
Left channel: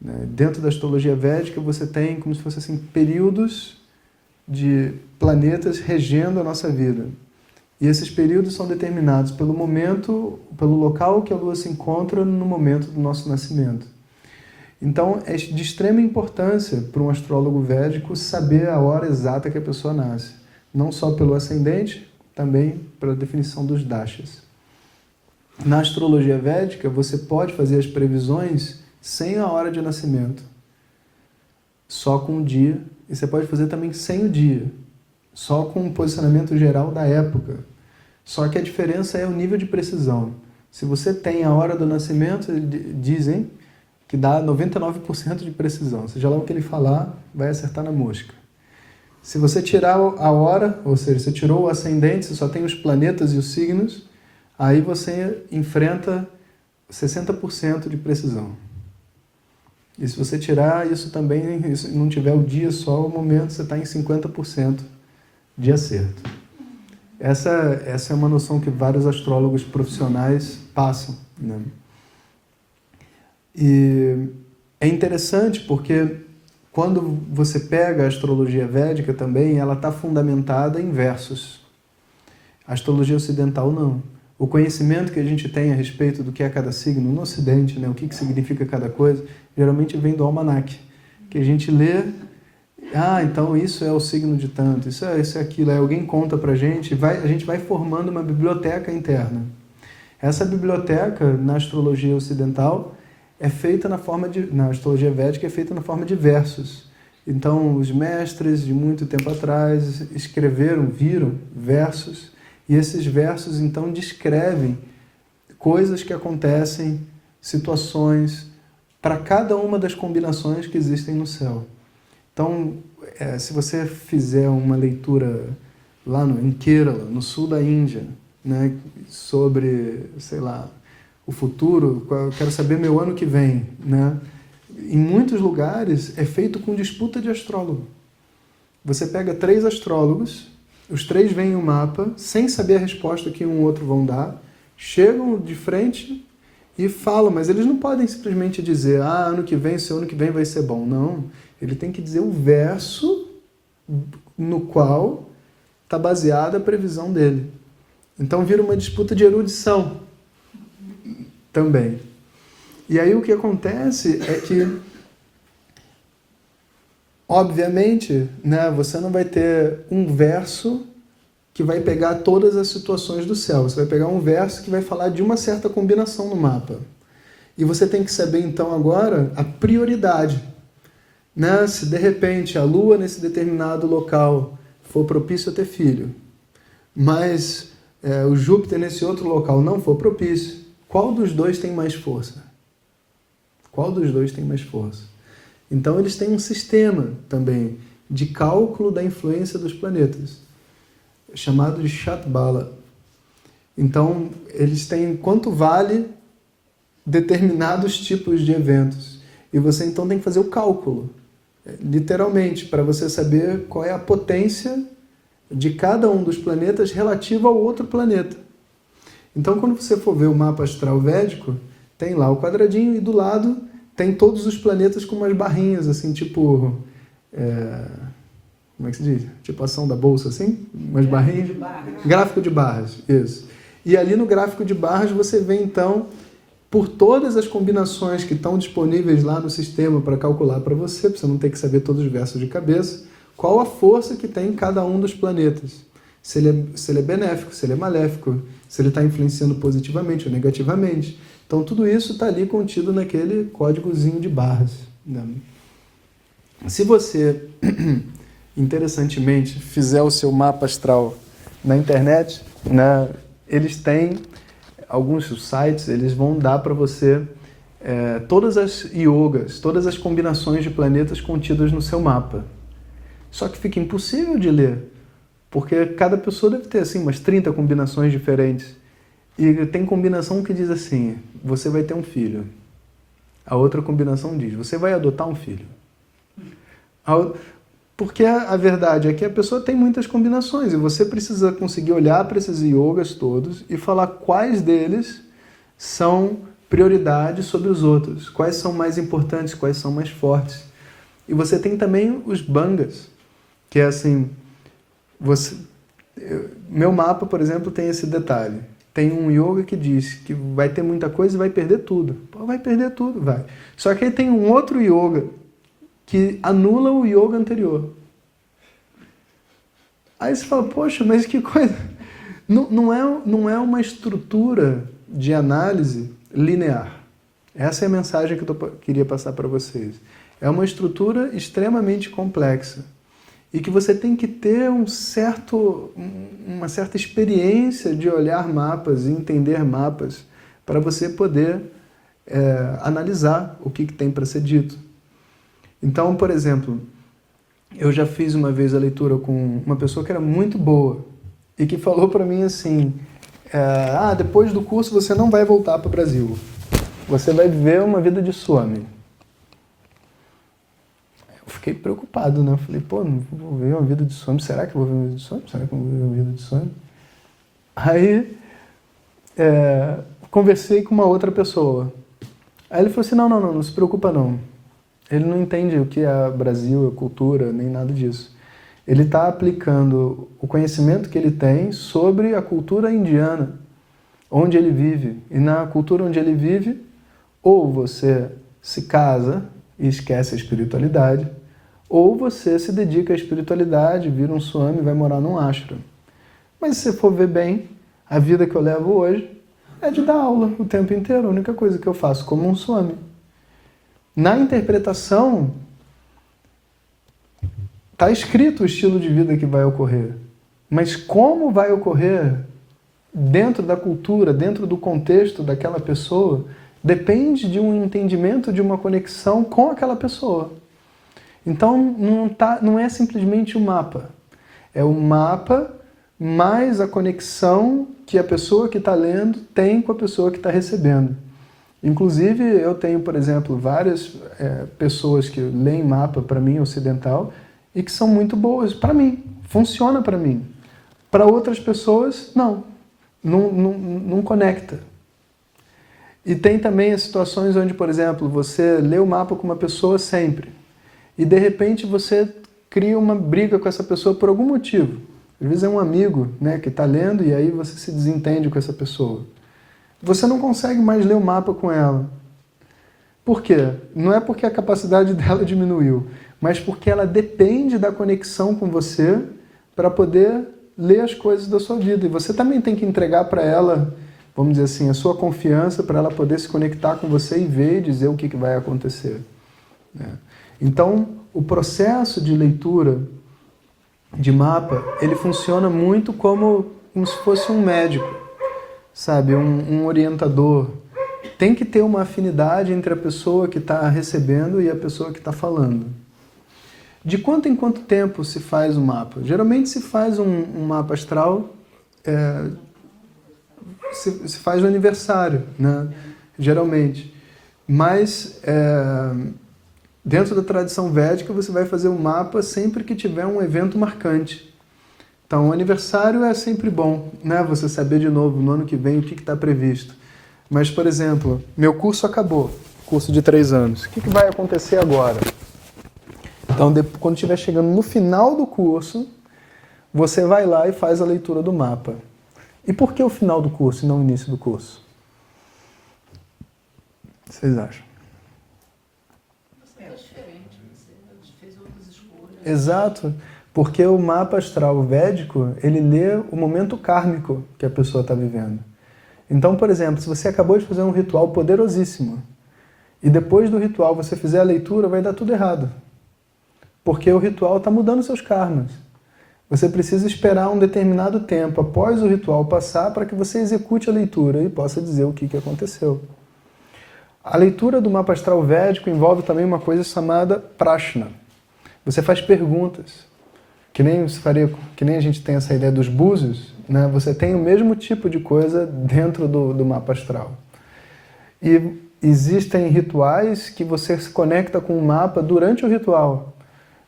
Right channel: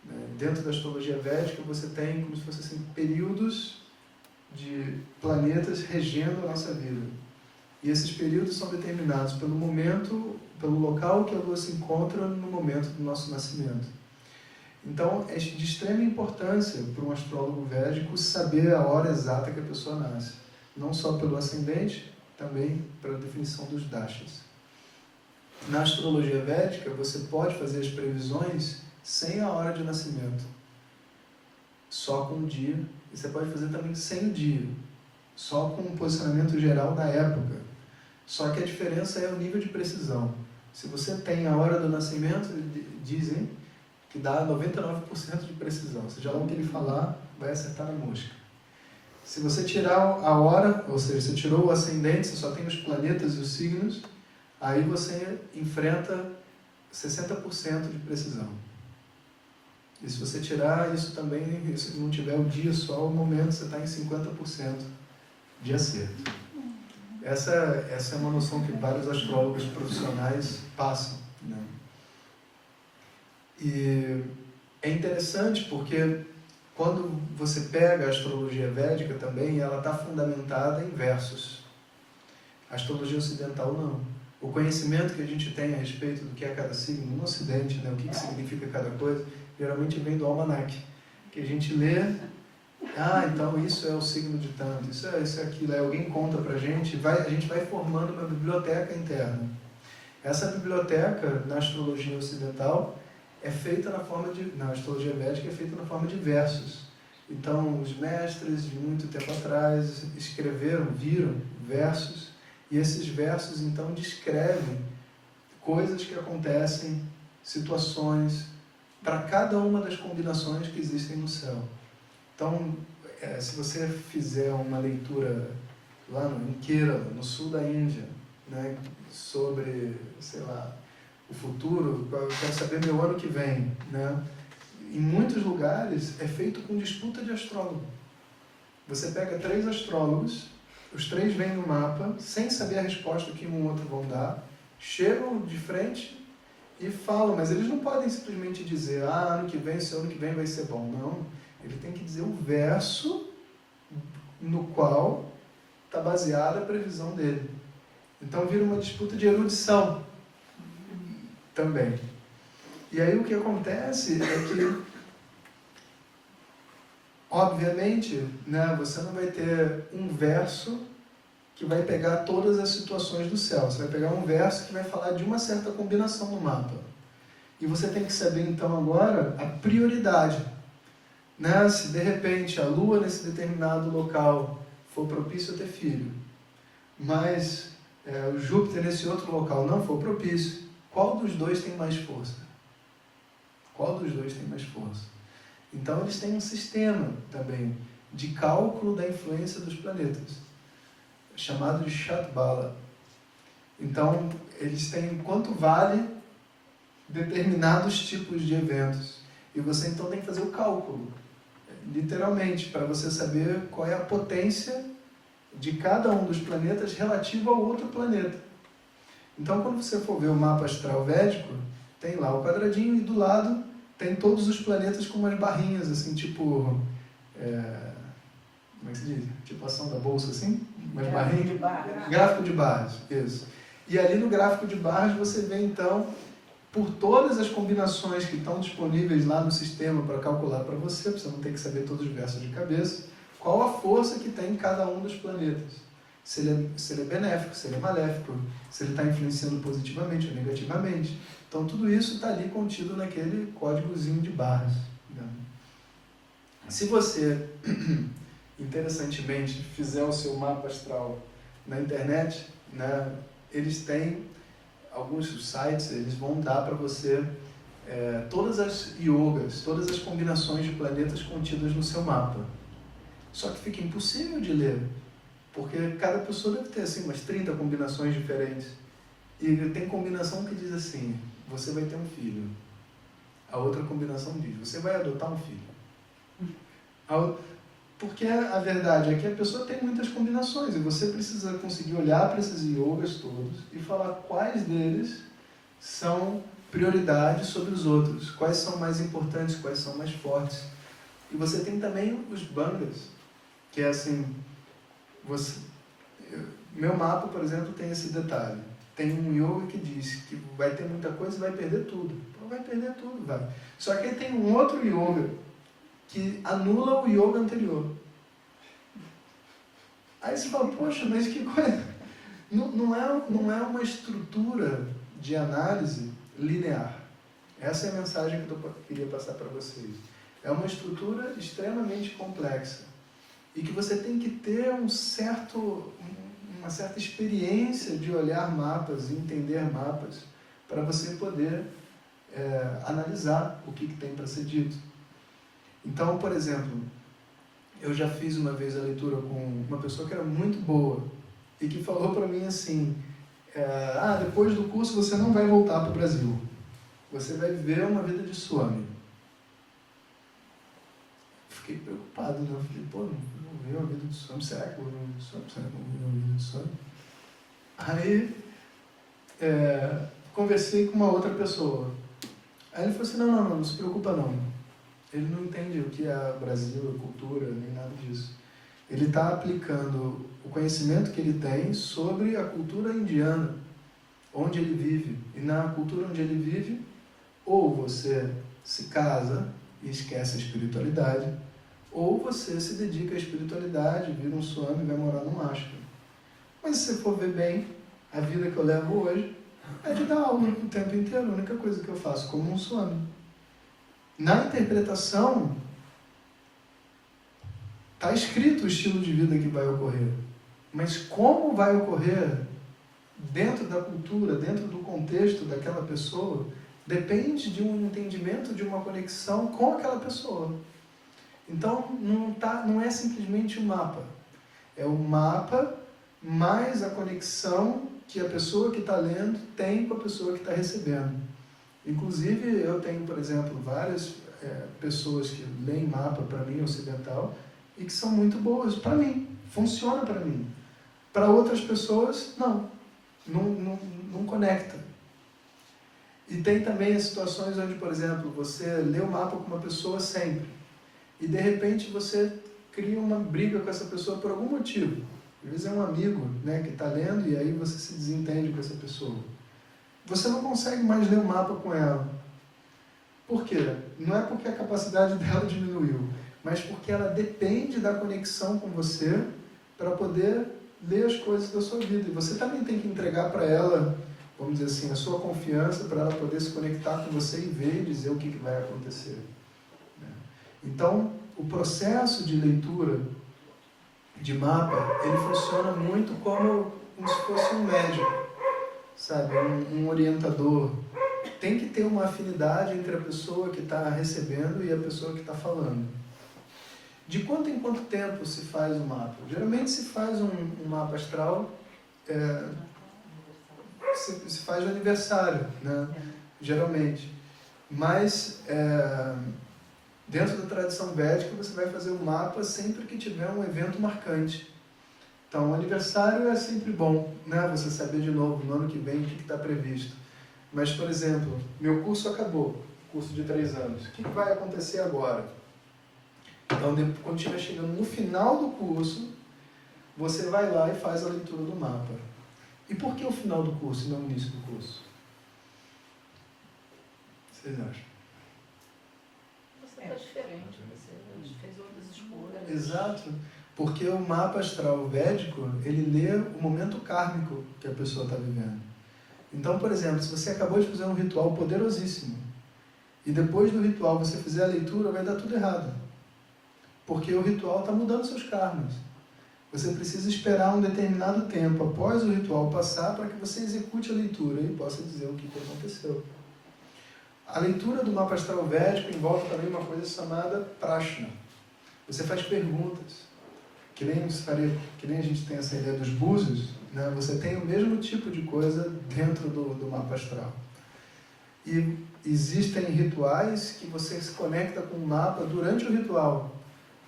Dentro da astrologia védica você tem como se fosse assim, períodos de planetas regendo a nossa vida. E esses períodos são determinados pelo momento, pelo local que a Lua se encontra no momento do nosso nascimento. Então, é de extrema importância para um astrólogo védico saber a hora exata que a pessoa nasce. Não só pelo ascendente, também pela definição dos dashas. Na astrologia védica, você pode fazer as previsões sem a hora de nascimento, só com o dia. E você pode fazer também sem o dia, só com o posicionamento geral da época. Só que a diferença é o nível de precisão. Se você tem a hora do nascimento, dizem que dá 99% de precisão. Seja lá o que ele falar, vai acertar na mosca. Se você tirar a hora, ou seja, você tirou o ascendente, você só tem os planetas e os signos, aí você enfrenta 60% de precisão. E se você tirar isso também, se não tiver o dia só, o momento você está em 50% de acerto. Essa é uma noção que vários astrólogos profissionais passam, né? E é interessante porque quando você pega a astrologia védica também, ela está fundamentada em versos. A astrologia ocidental não. o conhecimento que a gente tem a respeito do que é cada signo no Ocidente, né, o que significa cada coisa, geralmente vem do almanaque, que a gente lê, então isso é o signo de tanto, isso é aquilo, aí alguém conta pra gente, a gente vai formando uma biblioteca interna. Essa biblioteca, na astrologia ocidental, é feita na astrologia védica, é feita na forma de versos. Então, os mestres de muito tempo atrás viram versos, e esses versos, então, descrevem coisas que acontecem, situações, para cada uma das combinações que existem no céu. Então, se você fizer uma leitura lá em Kerala, no sul da Índia, né, sobre, sei lá, o futuro, eu quero saber meu ano que vem, né? Em muitos lugares é feito com disputa de astrólogo. Você pega 3 astrólogos, os 3 veem o mapa, sem saber a resposta que um outro vão dar, chegam de frente e falam, mas eles não podem simplesmente dizer, ano que vem, seu ano que vem vai ser bom. Não, ele tem que dizer o verso no qual está baseada a previsão dele. Então vira uma disputa de erudição também. E aí o que acontece é que, obviamente, né, você não vai ter um verso que vai pegar todas as situações do céu. Você vai pegar um verso que vai falar de uma certa combinação no mapa. E você tem que saber, então, agora, a prioridade. Né? Se, de repente, a Lua, nesse determinado local, for propício a ter filho, mas o Júpiter, nesse outro local, não for propício, qual dos dois tem mais força? Qual dos dois tem mais força? Então, eles têm um sistema também de cálculo da influência dos planetas, chamado de Shatbala. Então, eles têm quanto vale determinados tipos de eventos. E você, então, tem que fazer o cálculo, literalmente, para você saber qual é a potência de cada um dos planetas relativa ao outro planeta. Então, quando você for ver o mapa astral védico, tem lá o quadradinho e do lado tem todos os planetas com umas barrinhas, assim, tipo... como é que se diz? Tipo ação da bolsa, assim? Umas barrinhas. Gráfico de barras, isso. E ali no gráfico de barras você vê, então, por todas as combinações que estão disponíveis lá no sistema para calcular para você não ter que saber todos os versos de cabeça, qual a força que tem em cada um dos planetas. Se ele é benéfico, se ele é maléfico, se ele está influenciando positivamente ou negativamente. Então, tudo isso está ali contido naquele códigozinho de barras. Né? Se você, interessantemente, fizer o seu mapa astral na internet, né, eles têm alguns sites, eles vão dar para você todas as yogas, todas as combinações de planetas contidas no seu mapa. Só que fica impossível de ler, porque cada pessoa deve ter assim, umas 30 combinações diferentes. E tem combinação que diz assim, você vai ter um filho. A outra combinação diz, você vai adotar um filho. Porque a verdade é que a pessoa tem muitas combinações e você precisa conseguir olhar para esses yogas todos e falar quais deles são prioridade sobre os outros, quais são mais importantes, quais são mais fortes. E você tem também os bangas, que é assim, meu mapa, por exemplo, tem esse detalhe. Tem um yoga que diz que vai ter muita coisa e vai perder tudo. Pô, vai perder tudo, vai. Só que aí tem um outro yoga que anula o yoga anterior. Aí você fala, poxa, mas que coisa... Não é uma estrutura de análise linear. Essa é a mensagem que eu queria passar para vocês. É uma estrutura extremamente complexa e que você tem que ter uma certa experiência de olhar mapas e entender mapas para você poder analisar o que tem para ser dito. Então, por exemplo, eu já fiz uma vez a leitura com uma pessoa que era muito boa e que falou para mim assim, depois do curso você não vai voltar para o Brasil, você vai viver uma vida de Swami. Eu fiquei preocupado, né? Eu falei, não vou viver uma vida de Swami, será que eu vou viver uma vida de Swami? Será que eu vou viver uma vida de Swami? Aí, conversei com uma outra pessoa. Aí ele falou assim, não se preocupa não. Ele não entende o que é Brasil, a cultura, nem nada disso. Ele está aplicando o conhecimento que ele tem sobre a cultura indiana. onde ele vive. E na cultura onde ele vive, ou você se casa e esquece a espiritualidade, ou você se dedica à espiritualidade, vira um swami e vai morar num ashram. Mas se você for ver bem, a vida que eu levo hoje é de dar aula o tempo inteiro. A única coisa que eu faço como um swami. Na interpretação, está escrito o estilo de vida que vai ocorrer. Mas como vai ocorrer dentro da cultura, dentro do contexto daquela pessoa, depende de um entendimento, de uma conexão com aquela pessoa. Então, não é simplesmente o mapa. É o mapa mais a conexão que a pessoa que está lendo tem com a pessoa que está recebendo. Inclusive, eu tenho, por exemplo, várias pessoas que leem mapa para mim, ocidental, e que são muito boas para mim. Funciona para mim. Para outras pessoas, não conecta. E tem também as situações onde, por exemplo, você lê o mapa com uma pessoa sempre, e de repente você cria uma briga com essa pessoa por algum motivo. Às vezes é um amigo, né, que está lendo e aí você se desentende com essa pessoa. Você não consegue mais ler o mapa com ela. Por quê? Não é porque a capacidade dela diminuiu, mas porque ela depende da conexão com você para poder ler as coisas da sua vida. E você também tem que entregar para ela, vamos dizer assim, a sua confiança para ela poder se conectar com você e ver e dizer o que vai acontecer. Então, o processo de leitura de mapa, ele funciona muito como se fosse um médico, sabe? Um orientador. Tem que ter uma afinidade entre a pessoa que está recebendo e a pessoa que está falando. De quanto em quanto tempo se faz um mapa? Geralmente se faz um mapa astral, se faz no aniversário, né? Geralmente. Mas dentro da tradição védica você vai fazer o mapa sempre que tiver um evento marcante. Então o aniversário é sempre bom, né? Você saber de novo no ano que vem o que está previsto. Mas, por exemplo, meu curso acabou, curso de 3 anos. O que vai acontecer agora? Então, quando estiver chegando no final do curso, você vai lá e faz a leitura do mapa. E por que o final do curso e não o início do curso? O que vocês acham? É diferente, você fez outras escolhas. Exato, porque o mapa astral védico, ele lê o momento kármico que a pessoa está vivendo. Então, por exemplo, se você acabou de fazer um ritual poderosíssimo, e depois do ritual você fizer a leitura, vai dar tudo errado. Porque o ritual está mudando seus karmas. Você precisa esperar um determinado tempo após o ritual passar para que você execute a leitura e possa dizer o que aconteceu. A leitura do mapa astral védico envolve também uma coisa chamada prashna. Você faz perguntas. Que nem a gente tem essa ideia dos búzios, né? Você tem o mesmo tipo de coisa dentro do mapa astral. E existem rituais que você se conecta com o mapa durante o ritual.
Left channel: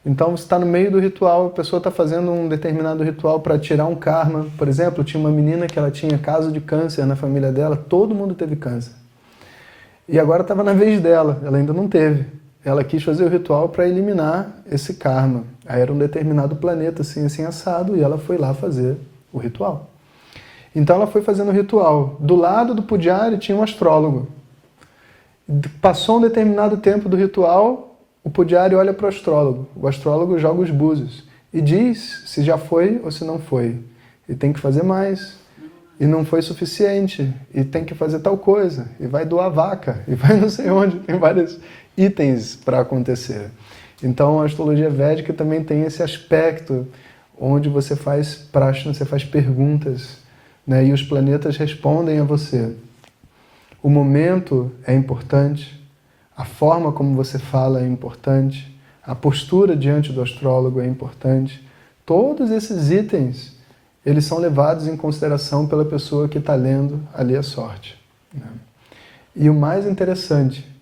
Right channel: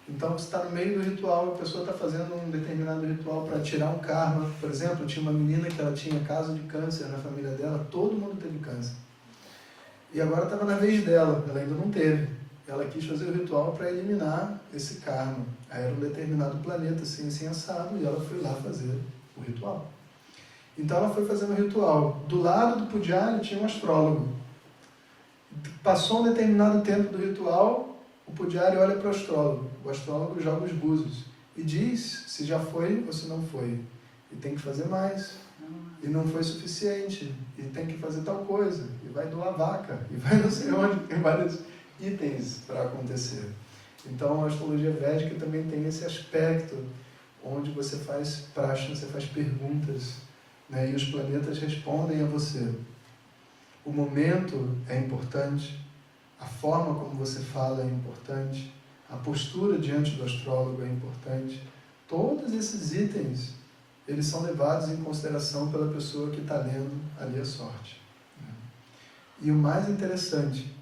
Então você está no meio do ritual, a pessoa está fazendo um determinado ritual para tirar um karma. Por exemplo, tinha uma menina que ela tinha caso de câncer na família dela, todo mundo teve câncer. E agora estava na vez dela, ela ainda não teve. Ela quis fazer o ritual para eliminar esse karma. Aí era um determinado planeta, assim assado, e ela foi lá fazer o ritual. Então ela foi fazendo o ritual. Do lado do pujari tinha um astrólogo. Passou um determinado tempo do ritual, o pujari olha para o astrólogo. O astrólogo joga os búzios e diz se já foi ou se não foi. E tem que fazer mais. E não foi suficiente. E tem que fazer tal coisa. E vai doar vaca. E vai não sei onde. Tem vários itens para acontecer. Então a astrologia védica também tem esse aspecto onde você faz prashna, você faz perguntas, né? E os planetas respondem a você. O momento é importante, a forma como você fala é importante, a postura diante do astrólogo é importante. Todos esses itens, eles são levados em consideração pela pessoa que está lendo ali a sorte, né? E o mais interessante,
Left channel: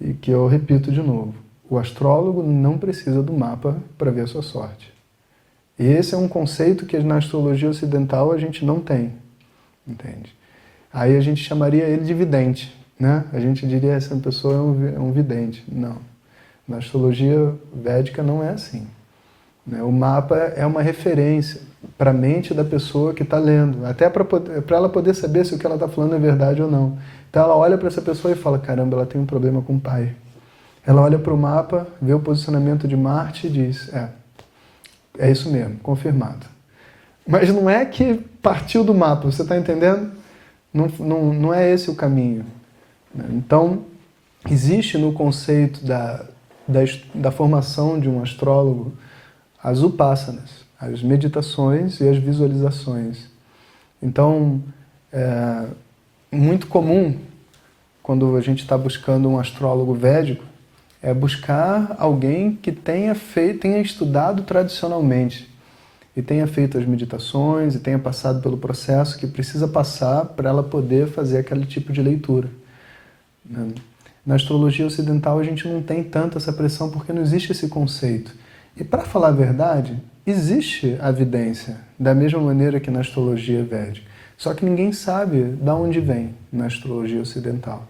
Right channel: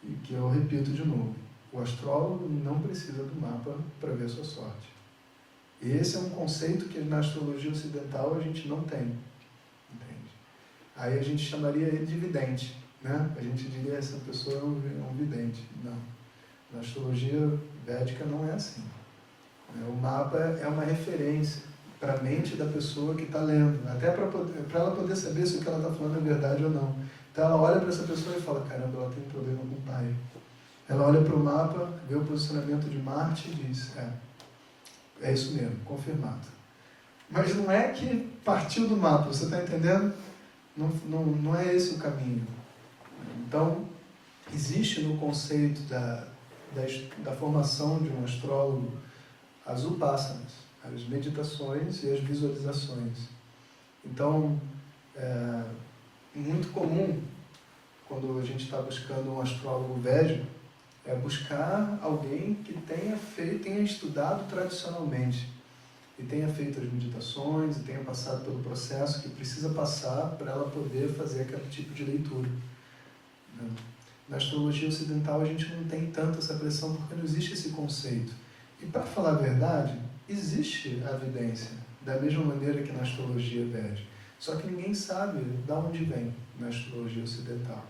e que eu repito de novo, o astrólogo não precisa do mapa para ver a sua sorte. E esse é um conceito que na astrologia ocidental a gente não tem, entende? Aí a gente chamaria ele de vidente, né? A gente diria essa pessoa é um vidente. Não. Na astrologia védica não é assim. né? O mapa é uma referência para a mente da pessoa que está lendo, até para ela poder saber se o que ela está falando é verdade ou não. Então ela olha para essa pessoa e fala, caramba, ela tem um problema com o pai. Ela olha para o mapa, vê o posicionamento de Marte e diz, é isso mesmo, confirmado. Mas não é que partiu do mapa, você está entendendo? Não é esse o caminho. Então, existe no conceito da formação de um astrólogo as upassanas, as meditações e as visualizações. Então, é muito comum, quando a gente está buscando um astrólogo védico, é buscar alguém que tenha estudado tradicionalmente e tenha feito as meditações e tenha passado pelo processo que precisa passar para ela poder fazer aquele tipo de leitura. Na astrologia ocidental a gente não tem tanto essa pressão porque não existe esse conceito. E para falar a verdade, existe a evidência, da mesma maneira que na astrologia védica. Só que ninguém sabe de onde vem na astrologia ocidental.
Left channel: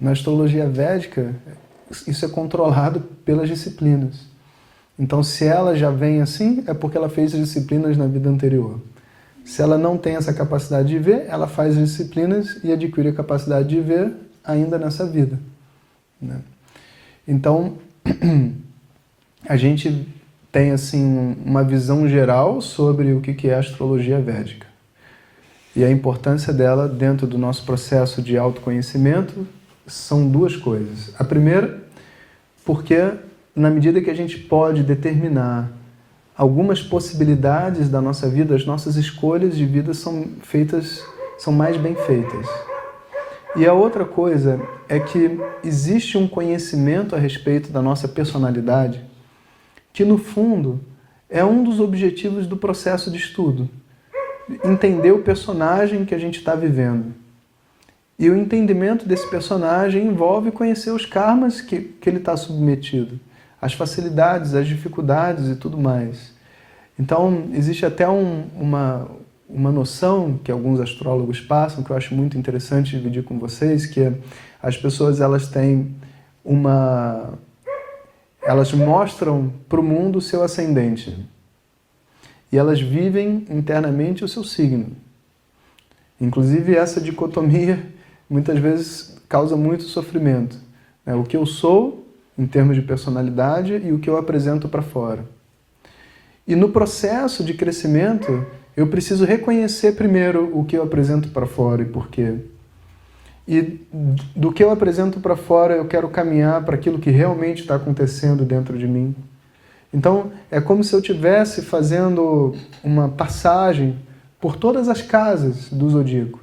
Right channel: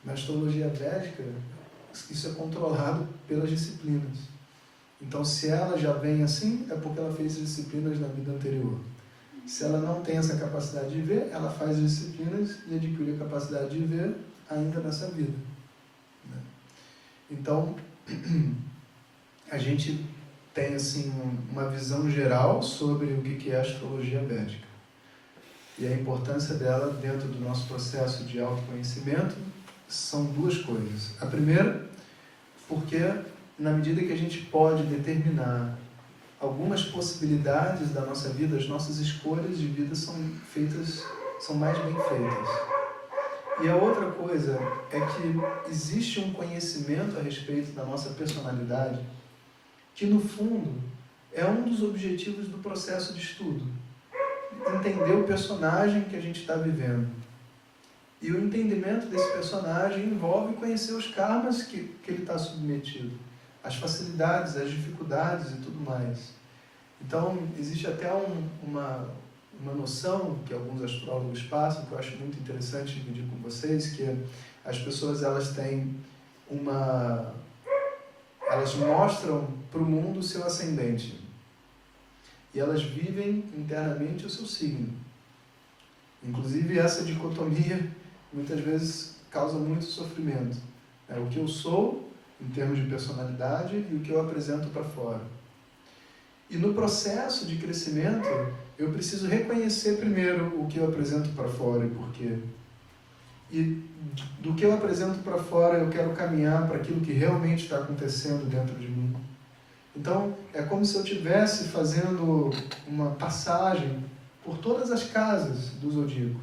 Na astrologia védica, isso é controlado pelas disciplinas. Então, se ela já vem assim, é porque ela fez as disciplinas na vida anterior. Se ela não tem essa capacidade de ver, ela faz as disciplinas e adquire a capacidade de ver ainda nessa vida. Né? Então, a gente tem assim uma visão geral sobre o que é a astrologia védica e a importância dela dentro do nosso processo de autoconhecimento são duas coisas. A primeira, porque na medida que a gente pode determinar algumas possibilidades da nossa vida, as nossas escolhas de vida são mais bem feitas. E a outra coisa é que existe um conhecimento a respeito da nossa personalidade que, no fundo, é um dos objetivos do processo de estudo. Entender o personagem que a gente está vivendo. E o entendimento desse personagem envolve conhecer os karmas que ele está submetido, as facilidades, as dificuldades e tudo mais. Então, existe até uma noção que alguns astrólogos passam, que eu acho muito interessante dividir com vocês, que as pessoas elas mostram para o mundo o seu ascendente. E elas vivem internamente o seu signo. Inclusive, essa dicotomia muitas vezes causa muito sofrimento. O que eu sou, em termos de personalidade, e o que eu apresento para fora. E no processo de crescimento, eu preciso reconhecer primeiro o que eu apresento para fora e por quê. E do que eu apresento para fora, eu quero caminhar para aquilo que realmente está acontecendo dentro de mim. Então, é como se eu estivesse fazendo uma passagem por todas as casas do zodíaco.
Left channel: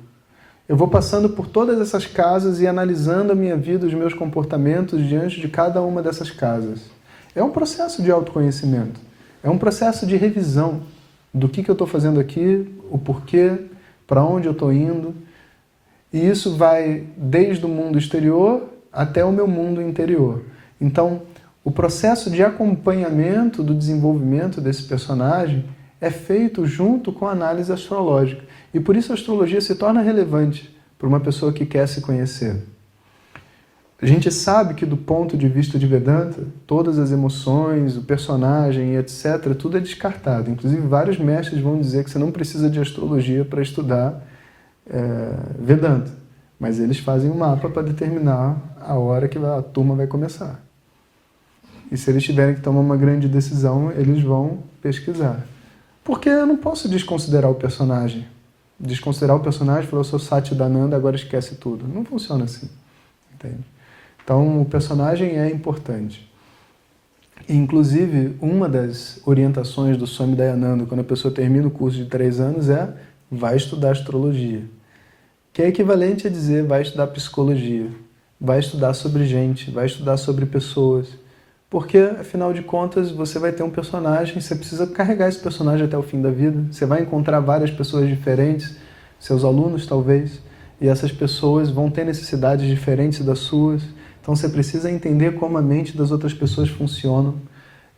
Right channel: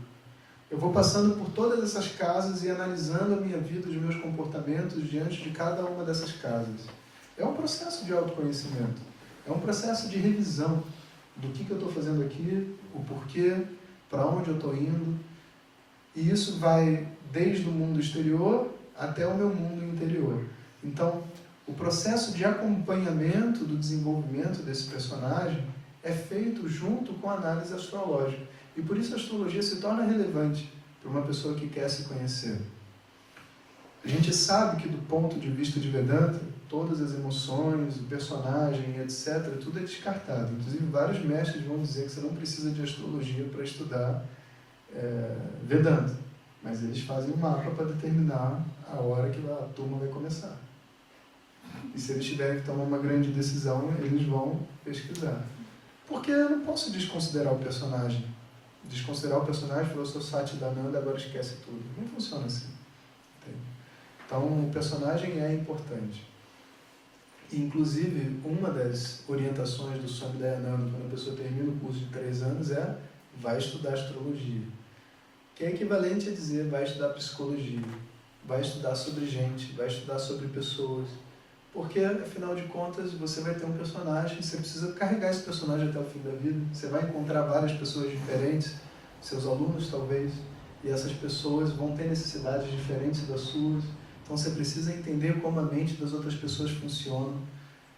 Eu vou passando por todas essas casas e analisando a minha vida, os meus comportamentos diante de cada uma dessas casas. É um processo de autoconhecimento. É um processo de revisão do que eu estou fazendo aqui, o porquê, para onde eu estou indo. E isso vai desde o mundo exterior até o meu mundo interior. Então, o processo de acompanhamento do desenvolvimento desse personagem é feito junto com a análise astrológica. E por isso a astrologia se torna relevante para uma pessoa que quer se conhecer. A gente sabe que do ponto de vista de Vedanta, todas as emoções, o personagem e etc., tudo é descartado. Inclusive, vários mestres vão dizer que você não precisa de astrologia para estudar Vedanta. Mas eles fazem um mapa para determinar a hora que a turma vai começar. E se eles tiverem que tomar uma grande decisão, eles vão pesquisar. Porque eu não posso desconsiderar o personagem. Desconsiderar o personagem, falar, eu sou Satchidananda, agora esquece tudo. Não funciona assim. Entende? Então, o personagem é importante. Inclusive, uma das orientações do Swami Dayananda, quando a pessoa termina o curso de 3 anos, vai estudar astrologia. Que é equivalente a dizer, vai estudar psicologia, vai estudar sobre gente, vai estudar sobre pessoas. Porque, afinal de contas, você vai ter um personagem, você precisa carregar esse personagem até o fim da vida. Você vai encontrar várias pessoas diferentes, seus alunos talvez, e essas pessoas vão ter necessidades diferentes das suas. Então você precisa entender como a mente das outras pessoas funciona.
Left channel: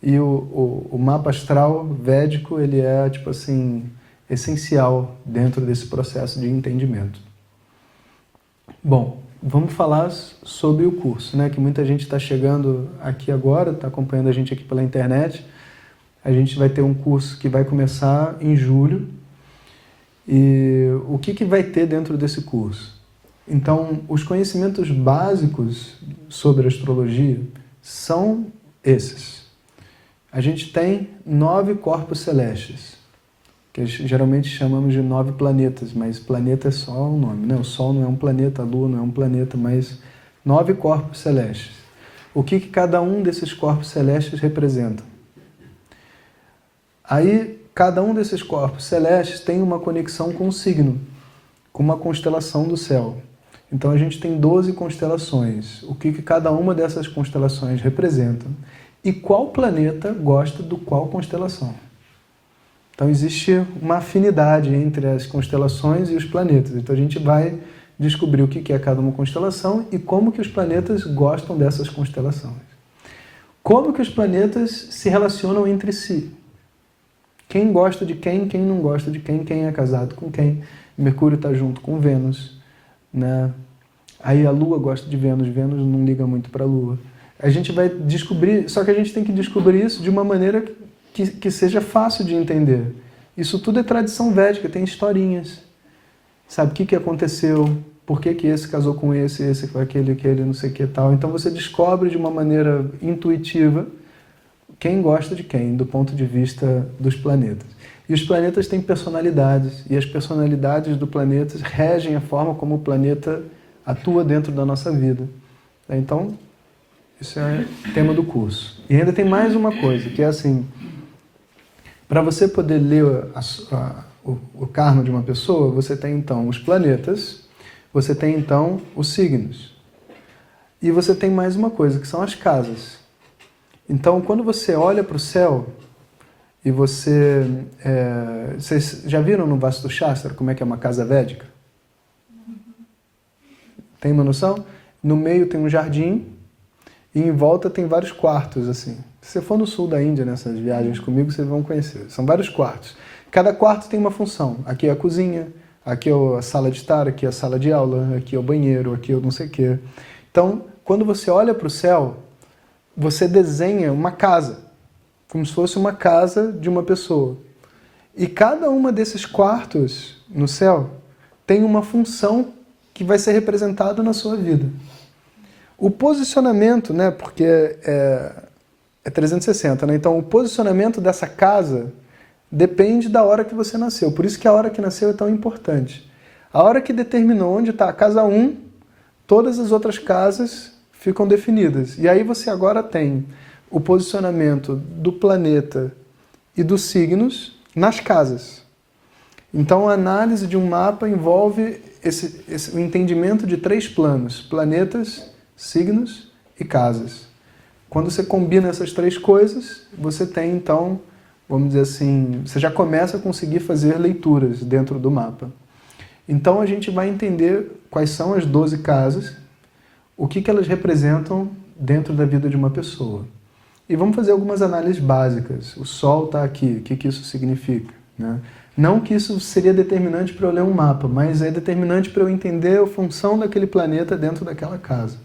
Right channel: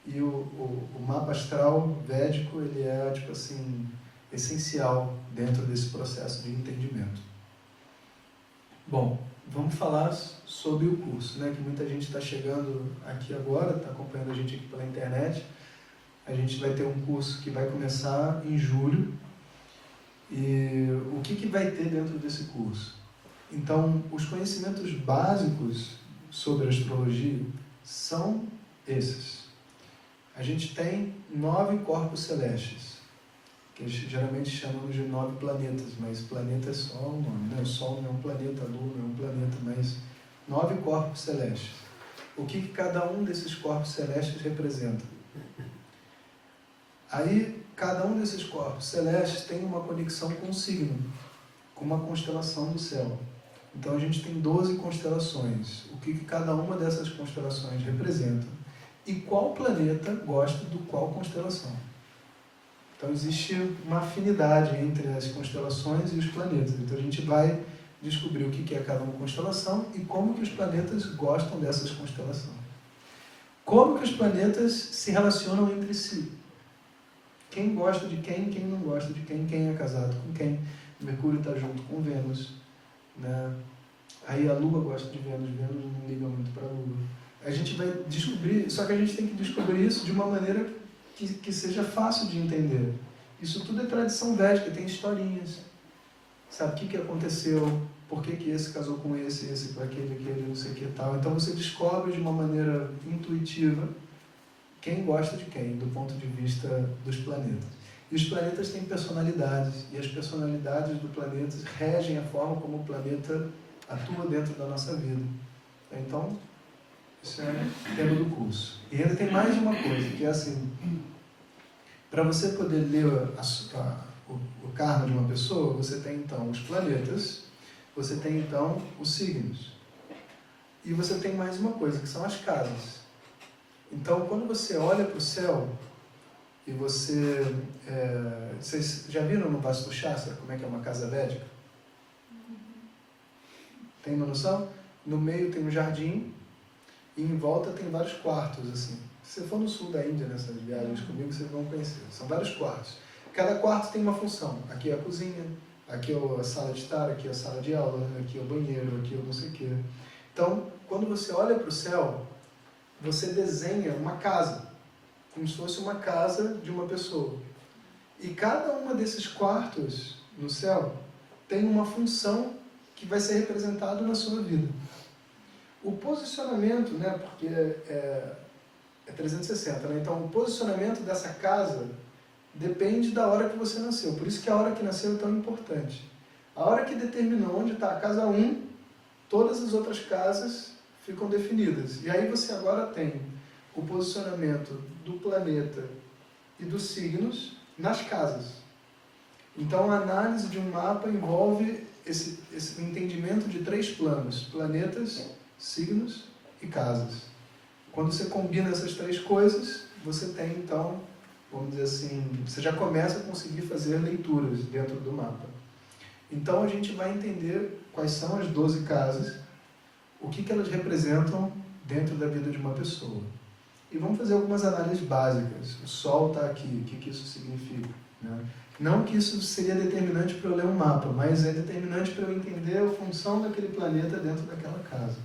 E o mapa astral védico, ele é, tipo assim, essencial dentro desse processo de entendimento. Bom, vamos falar sobre o curso, né? Que muita gente está chegando aqui agora, está acompanhando a gente aqui pela internet. A gente vai ter um curso que vai começar em julho. E o que vai ter dentro desse curso? Então, os conhecimentos básicos sobre astrologia são esses. A gente tem 9 corpos celestes, que geralmente chamamos de 9 planetas, mas planeta é só um nome, né? O Sol não é um planeta, a Lua não é um planeta, mas 9 corpos celestes. O que cada um desses corpos celestes representa? Aí, cada um desses corpos celestes tem uma conexão com um signo, com uma constelação do céu. Então a gente tem 12 constelações. O que cada uma dessas constelações representa e qual planeta gosta do qual constelação. Então existe uma afinidade entre as constelações e os planetas. Então a gente vai descobrir o que é cada uma constelação e como que os planetas gostam dessas constelações. Como que os planetas se relacionam entre si. Quem gosta de quem não gosta de quem é casado com quem. Mercúrio está junto com Vênus, né? Aí a Lua gosta de Vênus, Vênus não liga muito para a Lua. A gente vai descobrir, só que a gente tem que descobrir isso de uma maneira que seja fácil de entender. Isso tudo é tradição védica, tem historinhas. Sabe o que aconteceu, por que esse casou com esse com aquele, não sei o que tal. Então você descobre de uma maneira intuitiva quem gosta de quem, do ponto de vista dos planetas. E os planetas têm personalidades, e as personalidades do planeta regem a forma como o planeta atua dentro da nossa vida. Então, isso é o tema do curso. E ainda tem mais uma coisa, que é assim, para você poder ler o karma de uma pessoa, você tem então os planetas, você tem então os signos. E você tem mais uma coisa, que são as casas. Então, quando você olha para o céu, e vocês já viram no Vastu Shastra como é que é uma casa védica? Tem uma noção? No meio tem um jardim e em volta tem vários quartos, assim. Se você for no sul da Índia, nessas viagens comigo, vocês vão conhecer. São vários quartos. Cada quarto tem uma função. Aqui é a cozinha, aqui é a sala de estar, aqui é a sala de aula, aqui é o banheiro, aqui é o não sei o quê. Então, quando você olha para o céu, você desenha uma casa, como se fosse uma casa de uma pessoa. E cada uma desses quartos no céu tem uma função que vai ser representada na sua vida. O posicionamento, né, porque é 360, né? Então o posicionamento dessa casa depende da hora que você nasceu. Por isso que a hora que nasceu é tão importante. A hora que determinou onde está a casa 1, todas as outras casas ficam definidas. E aí você agora tem o posicionamento do planeta e dos signos nas casas. Então a análise de um mapa envolve o entendimento de 3 planos: planetas, signos e casas. Quando você combina essas 3 coisas, você tem então, vamos dizer assim, você já começa a conseguir fazer leituras dentro do mapa. Então a gente vai entender quais são as 12 casas, o que elas representam dentro da vida de uma pessoa. E vamos fazer algumas análises básicas. O Sol está aqui, o que isso significa, né? Não que isso seria determinante para eu ler um mapa, mas é determinante para eu entender a função daquele planeta dentro daquela casa.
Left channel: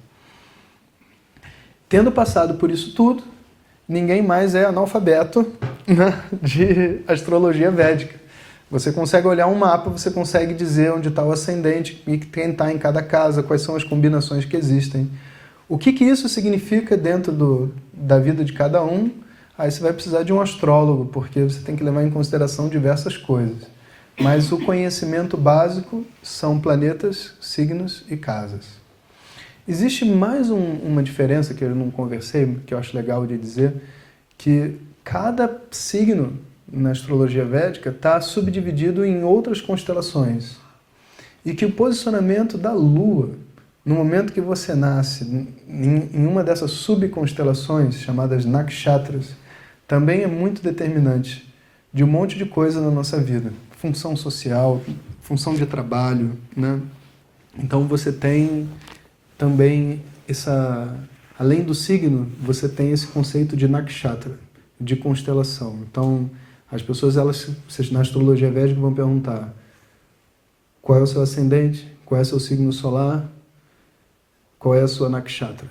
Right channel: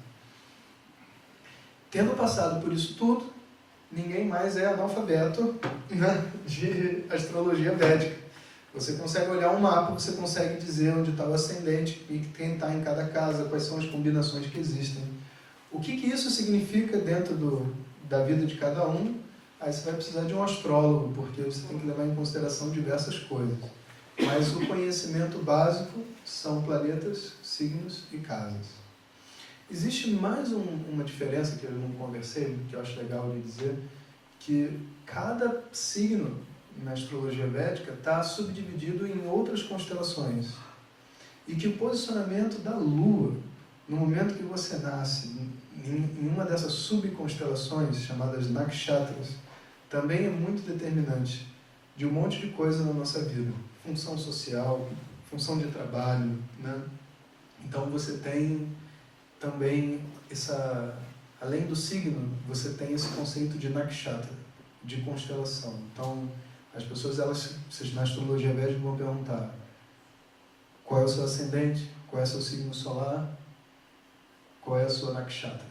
Tendo passado por isso tudo, ninguém mais é analfabeto, né, de astrologia védica. Você consegue olhar um mapa, você consegue dizer onde está o ascendente e quem está em cada casa, quais são as combinações que existem. O que isso significa dentro da vida de cada um? Aí você vai precisar de um astrólogo, porque você tem que levar em consideração diversas coisas. Mas o conhecimento básico são planetas, signos e casas. Existe mais uma diferença que eu não conversei, que eu acho legal de dizer, que cada signo na astrologia védica está subdividido em outras constelações. E que o posicionamento da Lua, no momento que você nasce em uma dessas subconstelações, chamadas nakshatras, também é muito determinante de um monte de coisa na nossa vida. Função social, função de trabalho, né? Então você tem também além do signo, você tem esse conceito de nakshatra, de constelação. Então, as pessoas, vocês na astrologia védica vão perguntar qual é o seu ascendente, qual é o seu signo solar, qual é a sua nakshatra.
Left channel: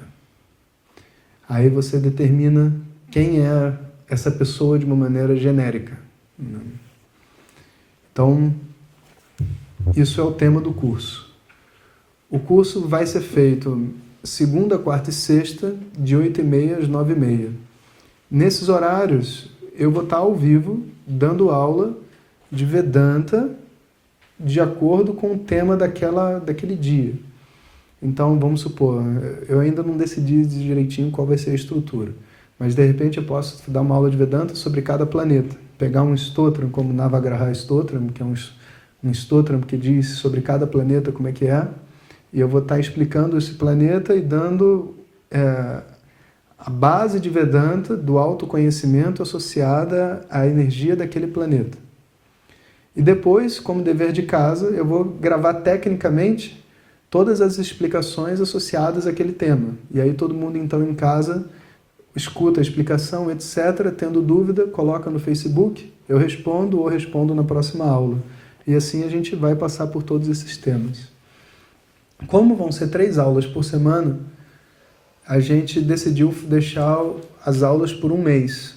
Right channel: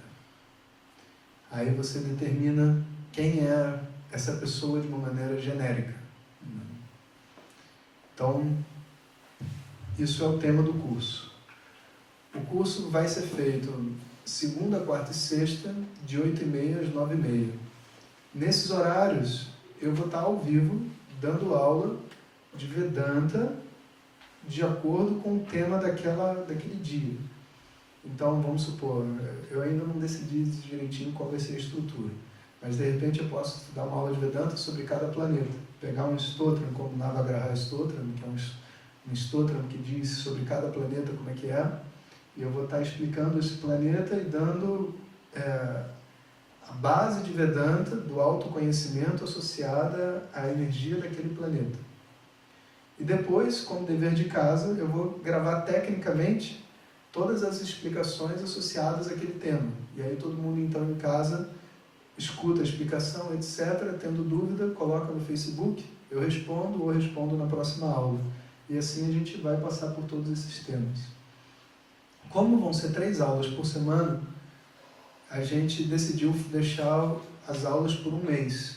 Aí você determina quem é essa pessoa de uma maneira genérica, né? Então, isso é o tema do curso. O curso vai ser feito segunda, quarta e sexta, de 8h30 às 9h30. Nesses horários, eu vou estar ao vivo, dando aula de Vedanta, de acordo com o tema daquele dia. Então, vamos supor, eu ainda não decidi direitinho qual vai ser a estrutura, mas de repente eu posso dar uma aula de Vedanta sobre cada planeta. Pegar um stotram como Navagraha Stotram, que é um stotram que diz sobre cada planeta como é que é, e eu vou estar explicando esse planeta e dando a base de Vedanta do autoconhecimento associada à energia daquele planeta. E depois, como dever de casa, eu vou gravar tecnicamente todas as explicações associadas àquele tema. E aí todo mundo, então, em casa, escuta a explicação, etc. Tendo dúvida, coloca no Facebook, eu respondo ou respondo na próxima aula. E assim a gente vai passar por todos esses temas. Como vão ser 3 aulas por semana, a gente decidiu deixar as aulas por 1 mês,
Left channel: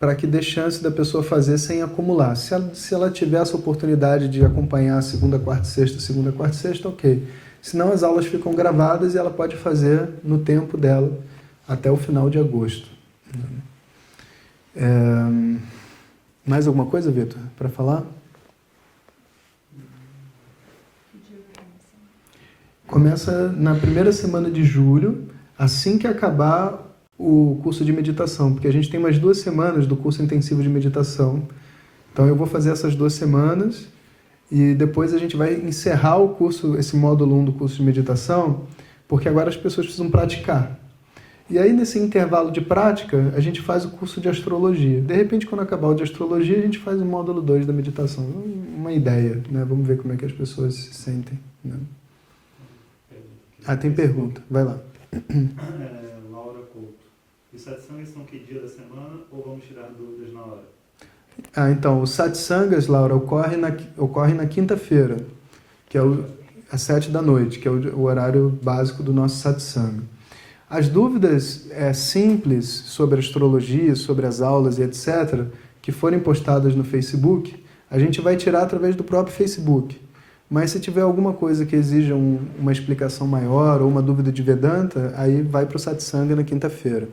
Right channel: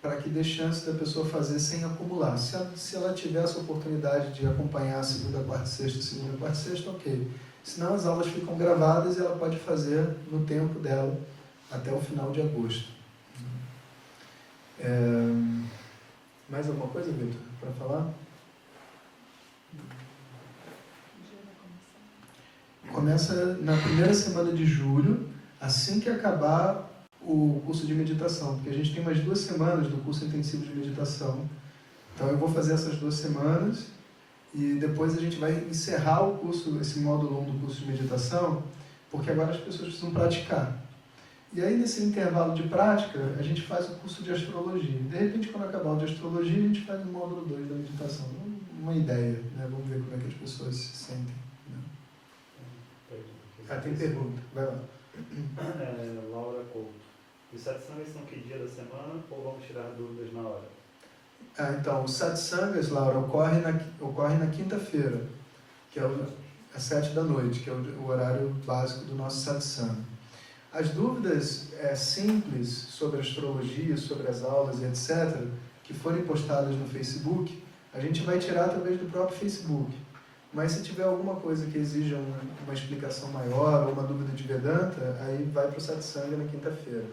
para que dê chance da pessoa fazer sem acumular. Se ela tiver essa oportunidade de acompanhar segunda, quarta e sexta, ok. Senão as aulas ficam gravadas e ela pode fazer no tempo dela, até o final de agosto. Mais alguma coisa, Vitor, para falar? Começa na primeira semana de julho, assim que acabar o curso de meditação, porque a gente tem mais 2 semanas do curso intensivo de meditação. Então eu vou fazer essas 2 semanas e depois a gente vai encerrar o curso, esse módulo 1 do curso de meditação, porque agora as pessoas precisam praticar. E aí, nesse intervalo de prática, a gente faz o curso de astrologia. De repente, quando acabar o de astrologia, a gente faz o módulo 2 da meditação. Uma ideia, né? Vamos ver como é que as pessoas se sentem, né? Tem pergunta. Vai lá. Laura Couto. Os satsangas são que dia da semana ou vamos tirar dúvidas na hora? Então, os satsangas, Laura, ocorre na quinta-feira, que é às 7 da noite, que é o horário básico do nosso satsanga. As dúvidas simples sobre astrologia, sobre as aulas e etc., que forem postadas no Facebook, a gente vai tirar através do próprio Facebook. Mas se tiver alguma coisa que exija uma explicação maior ou uma dúvida de Vedanta, aí vai para o satsanga na quinta-feira.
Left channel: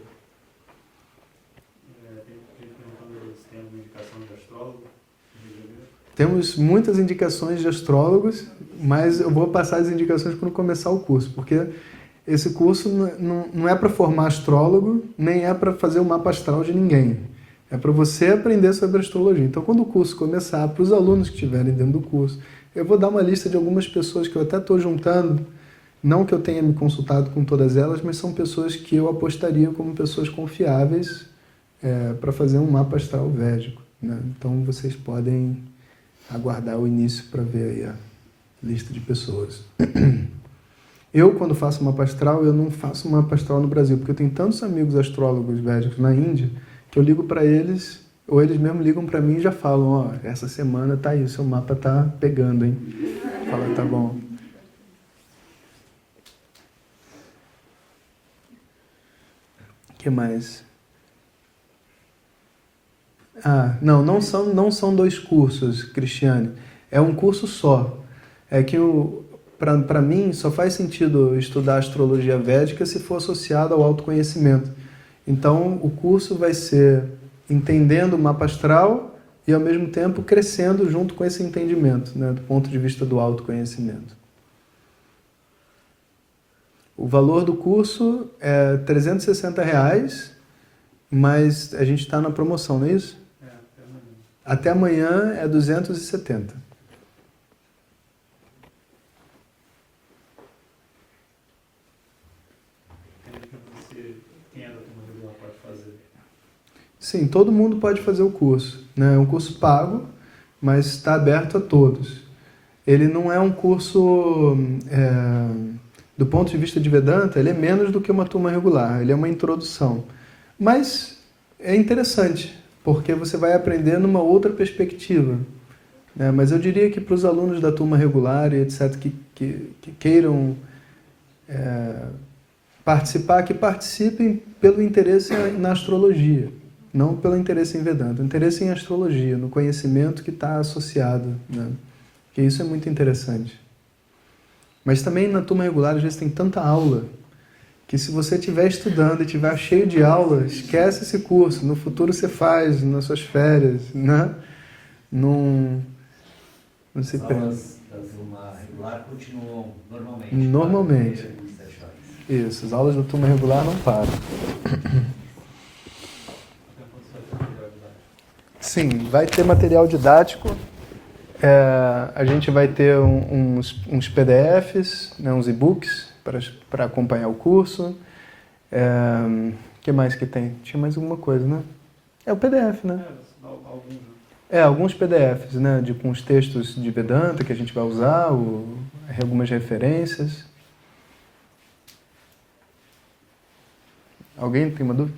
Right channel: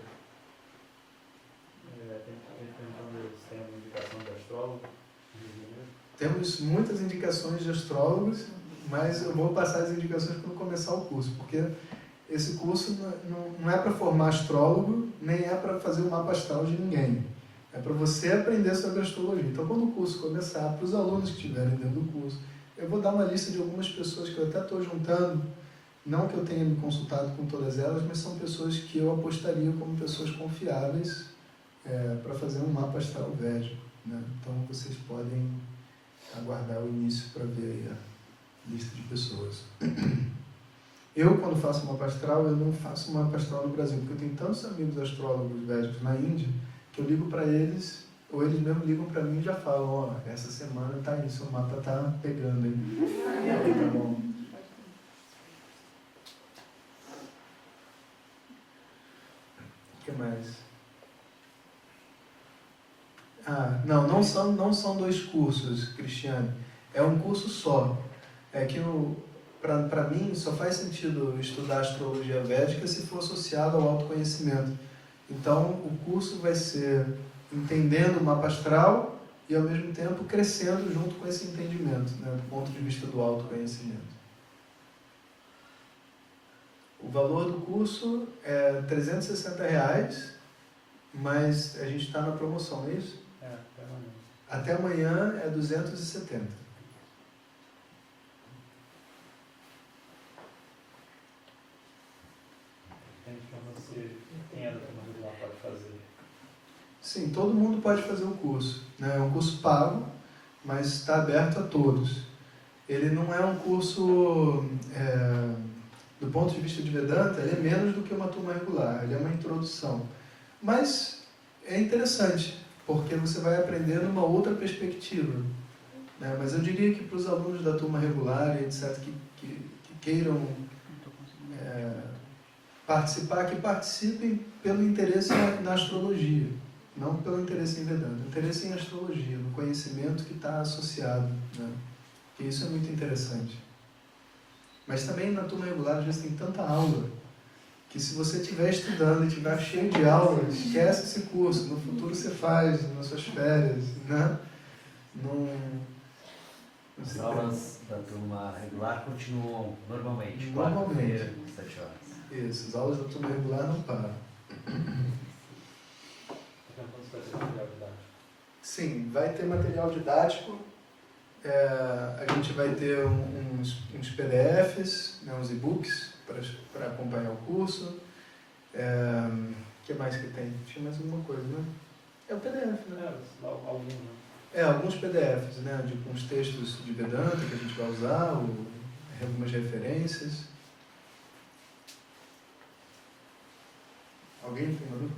Tem gente perguntando se tem alguma indicação de astrólogo. Temos muitas indicações de astrólogos, mas eu vou passar as indicações quando começar o curso, porque esse curso não é para formar astrólogo, nem é para fazer o mapa astral de ninguém. É para você aprender sobre astrologia. Então, quando o curso começar, para os alunos que estiverem dentro do curso, eu vou dar uma lista de algumas pessoas que eu até estou juntando, não que eu tenha me consultado com todas elas, mas são pessoas que eu apostaria como pessoas confiáveis para fazer um mapa astral védico, né? Então, vocês podem aguardar o início para ver aí a lista de pessoas. Eu, quando faço mapa astral, eu não faço mapa astral no Brasil, porque eu tenho tantos amigos astrólogos védicos na Índia, que eu ligo para eles, ou eles mesmo ligam para mim e já falam, essa semana tá aí, seu mapa tá pegando, hein? Fala, tá bom. O que mais? Não são 2 cursos, Cristiane. É um curso só. É que para mim só faz sentido estudar astrologia védica se for associado ao autoconhecimento. Então, o curso vai ser entendendo o mapa astral e, ao mesmo tempo, crescendo junto com esse entendimento, né, do ponto de vista do autoconhecimento. O valor do curso é R$360, mas a gente está na promoção, não é isso? Até amanhã é 270. Quem é da turma regular pode fazer? Sim, todo mundo pode fazer o curso, né? É um curso pago, mas está aberto a todos. Ele não é um curso, do ponto de vista de Vedanta, ele é menos do que uma turma regular, ele é uma introdução. Mas é interessante, porque você vai aprender numa outra perspectiva, né? Mas eu diria que para os alunos da turma regular e etc., que queiram participar, que participem pelo interesse na astrologia, Não pelo interesse em Vedanta, interesse em astrologia, no conhecimento que está associado, né? Que isso é muito interessante. Mas também na turma regular, às vezes tem tanta aula, que se você estiver estudando e estiver cheio de aula, esquece esse curso. No futuro você faz, nas suas férias, né? Não se As perde. aulas da turma regular continuam normalmente. Normalmente. 7 horas. Isso, as aulas da turma regular não param. Sim, vai ter material didático. A gente vai ter uns PDFs, né, uns e-books para acompanhar o curso. O que mais que tem? Tinha mais alguma coisa, né? É o PDF, né? Algum, né? Alguns PDFs, né? Com os textos de Vedanta que a gente vai usar, algumas referências. Alguém tem uma dúvida?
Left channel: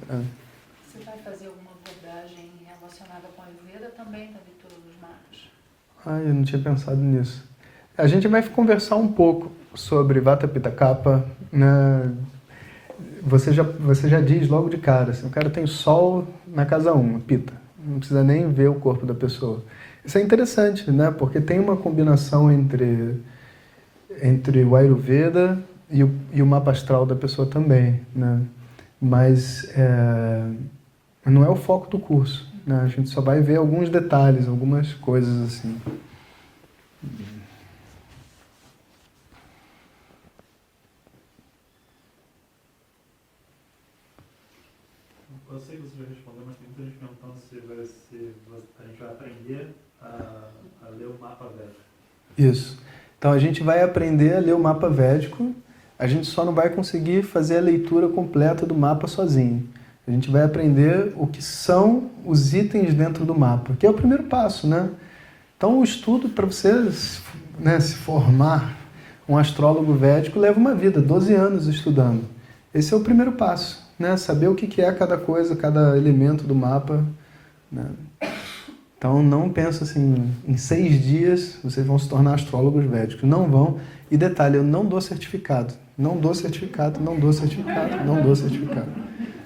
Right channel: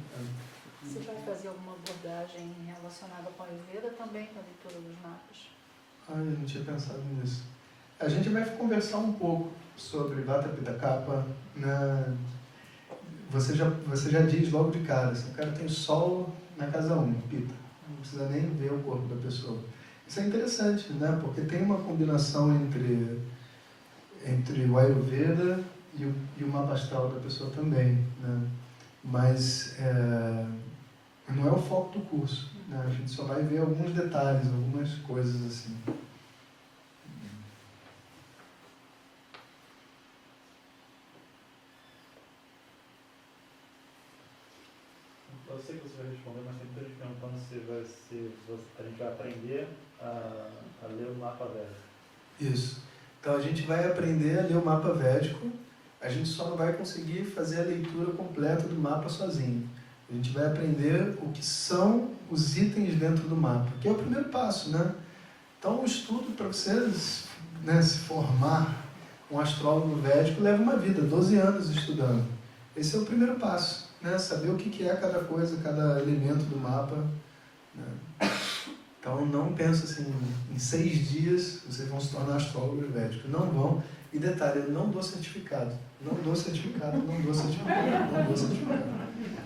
Você vai fazer alguma abordagem relacionada com a Ayurveda também, com a leitura dos mapas? Eu não tinha pensado nisso. A gente vai conversar um pouco sobre Vata Pitta Kapha, né? Você já diz logo de cara, assim, o cara tem Sol na casa 1, Pitta. Não precisa nem ver o corpo da pessoa. Isso é interessante, né? Porque tem uma combinação entre o Ayurveda e o mapa astral da pessoa também, né? Mas não é o foco do curso, né? A gente só vai ver alguns detalhes, algumas coisas assim. Eu sei que você vai responder, mas tem muita gente perguntando se a gente vai aprender a ler o mapa védico. Isso. Então a gente vai aprender a ler o mapa védico, a gente só não vai conseguir fazer a leitura completa do mapa sozinho. A gente vai aprender o que são os itens dentro do mapa, que é o primeiro passo, né? Então o estudo para você, né, se formar um astrólogo védico leva uma vida, 12 anos estudando. Esse é o primeiro passo, né? Saber o que é cada coisa, cada elemento do mapa, né? Então não pensa assim, em 6 dias vocês vão se tornar astrólogos védicos. Não vão. E detalhe, eu não dou certificado. Não dou certificado, não dou certificado, não dou certificado.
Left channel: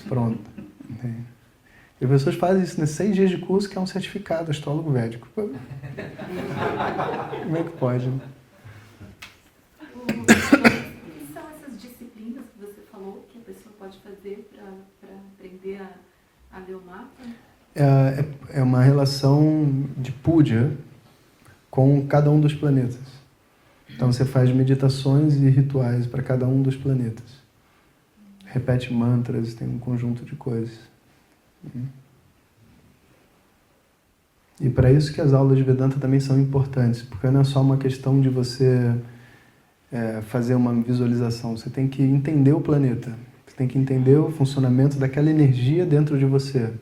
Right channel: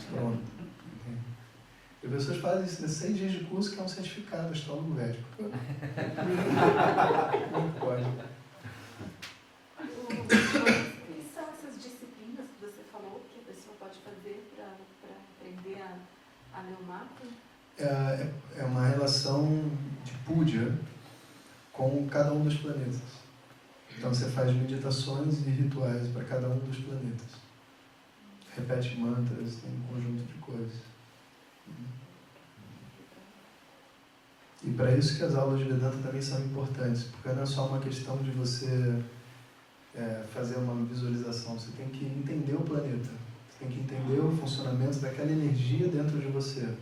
Pronto. E as pessoas fazem isso, né? 6 dias de curso que é um certificado astrólogo védico. Como é que pode? Né? O que são essas disciplinas que você falou que a pessoa pode fazer para aprender a ler o mapa? É uma relação de puja com cada um dos planetas. Então você faz meditações e rituais para cada um dos planetas. Repete mantras, tem um conjunto de coisas. E para isso que as aulas de Vedanta também são importantes, porque não é só uma questão de você fazer uma visualização, você tem que entender o planeta, você tem que entender o funcionamento daquela energia dentro de você.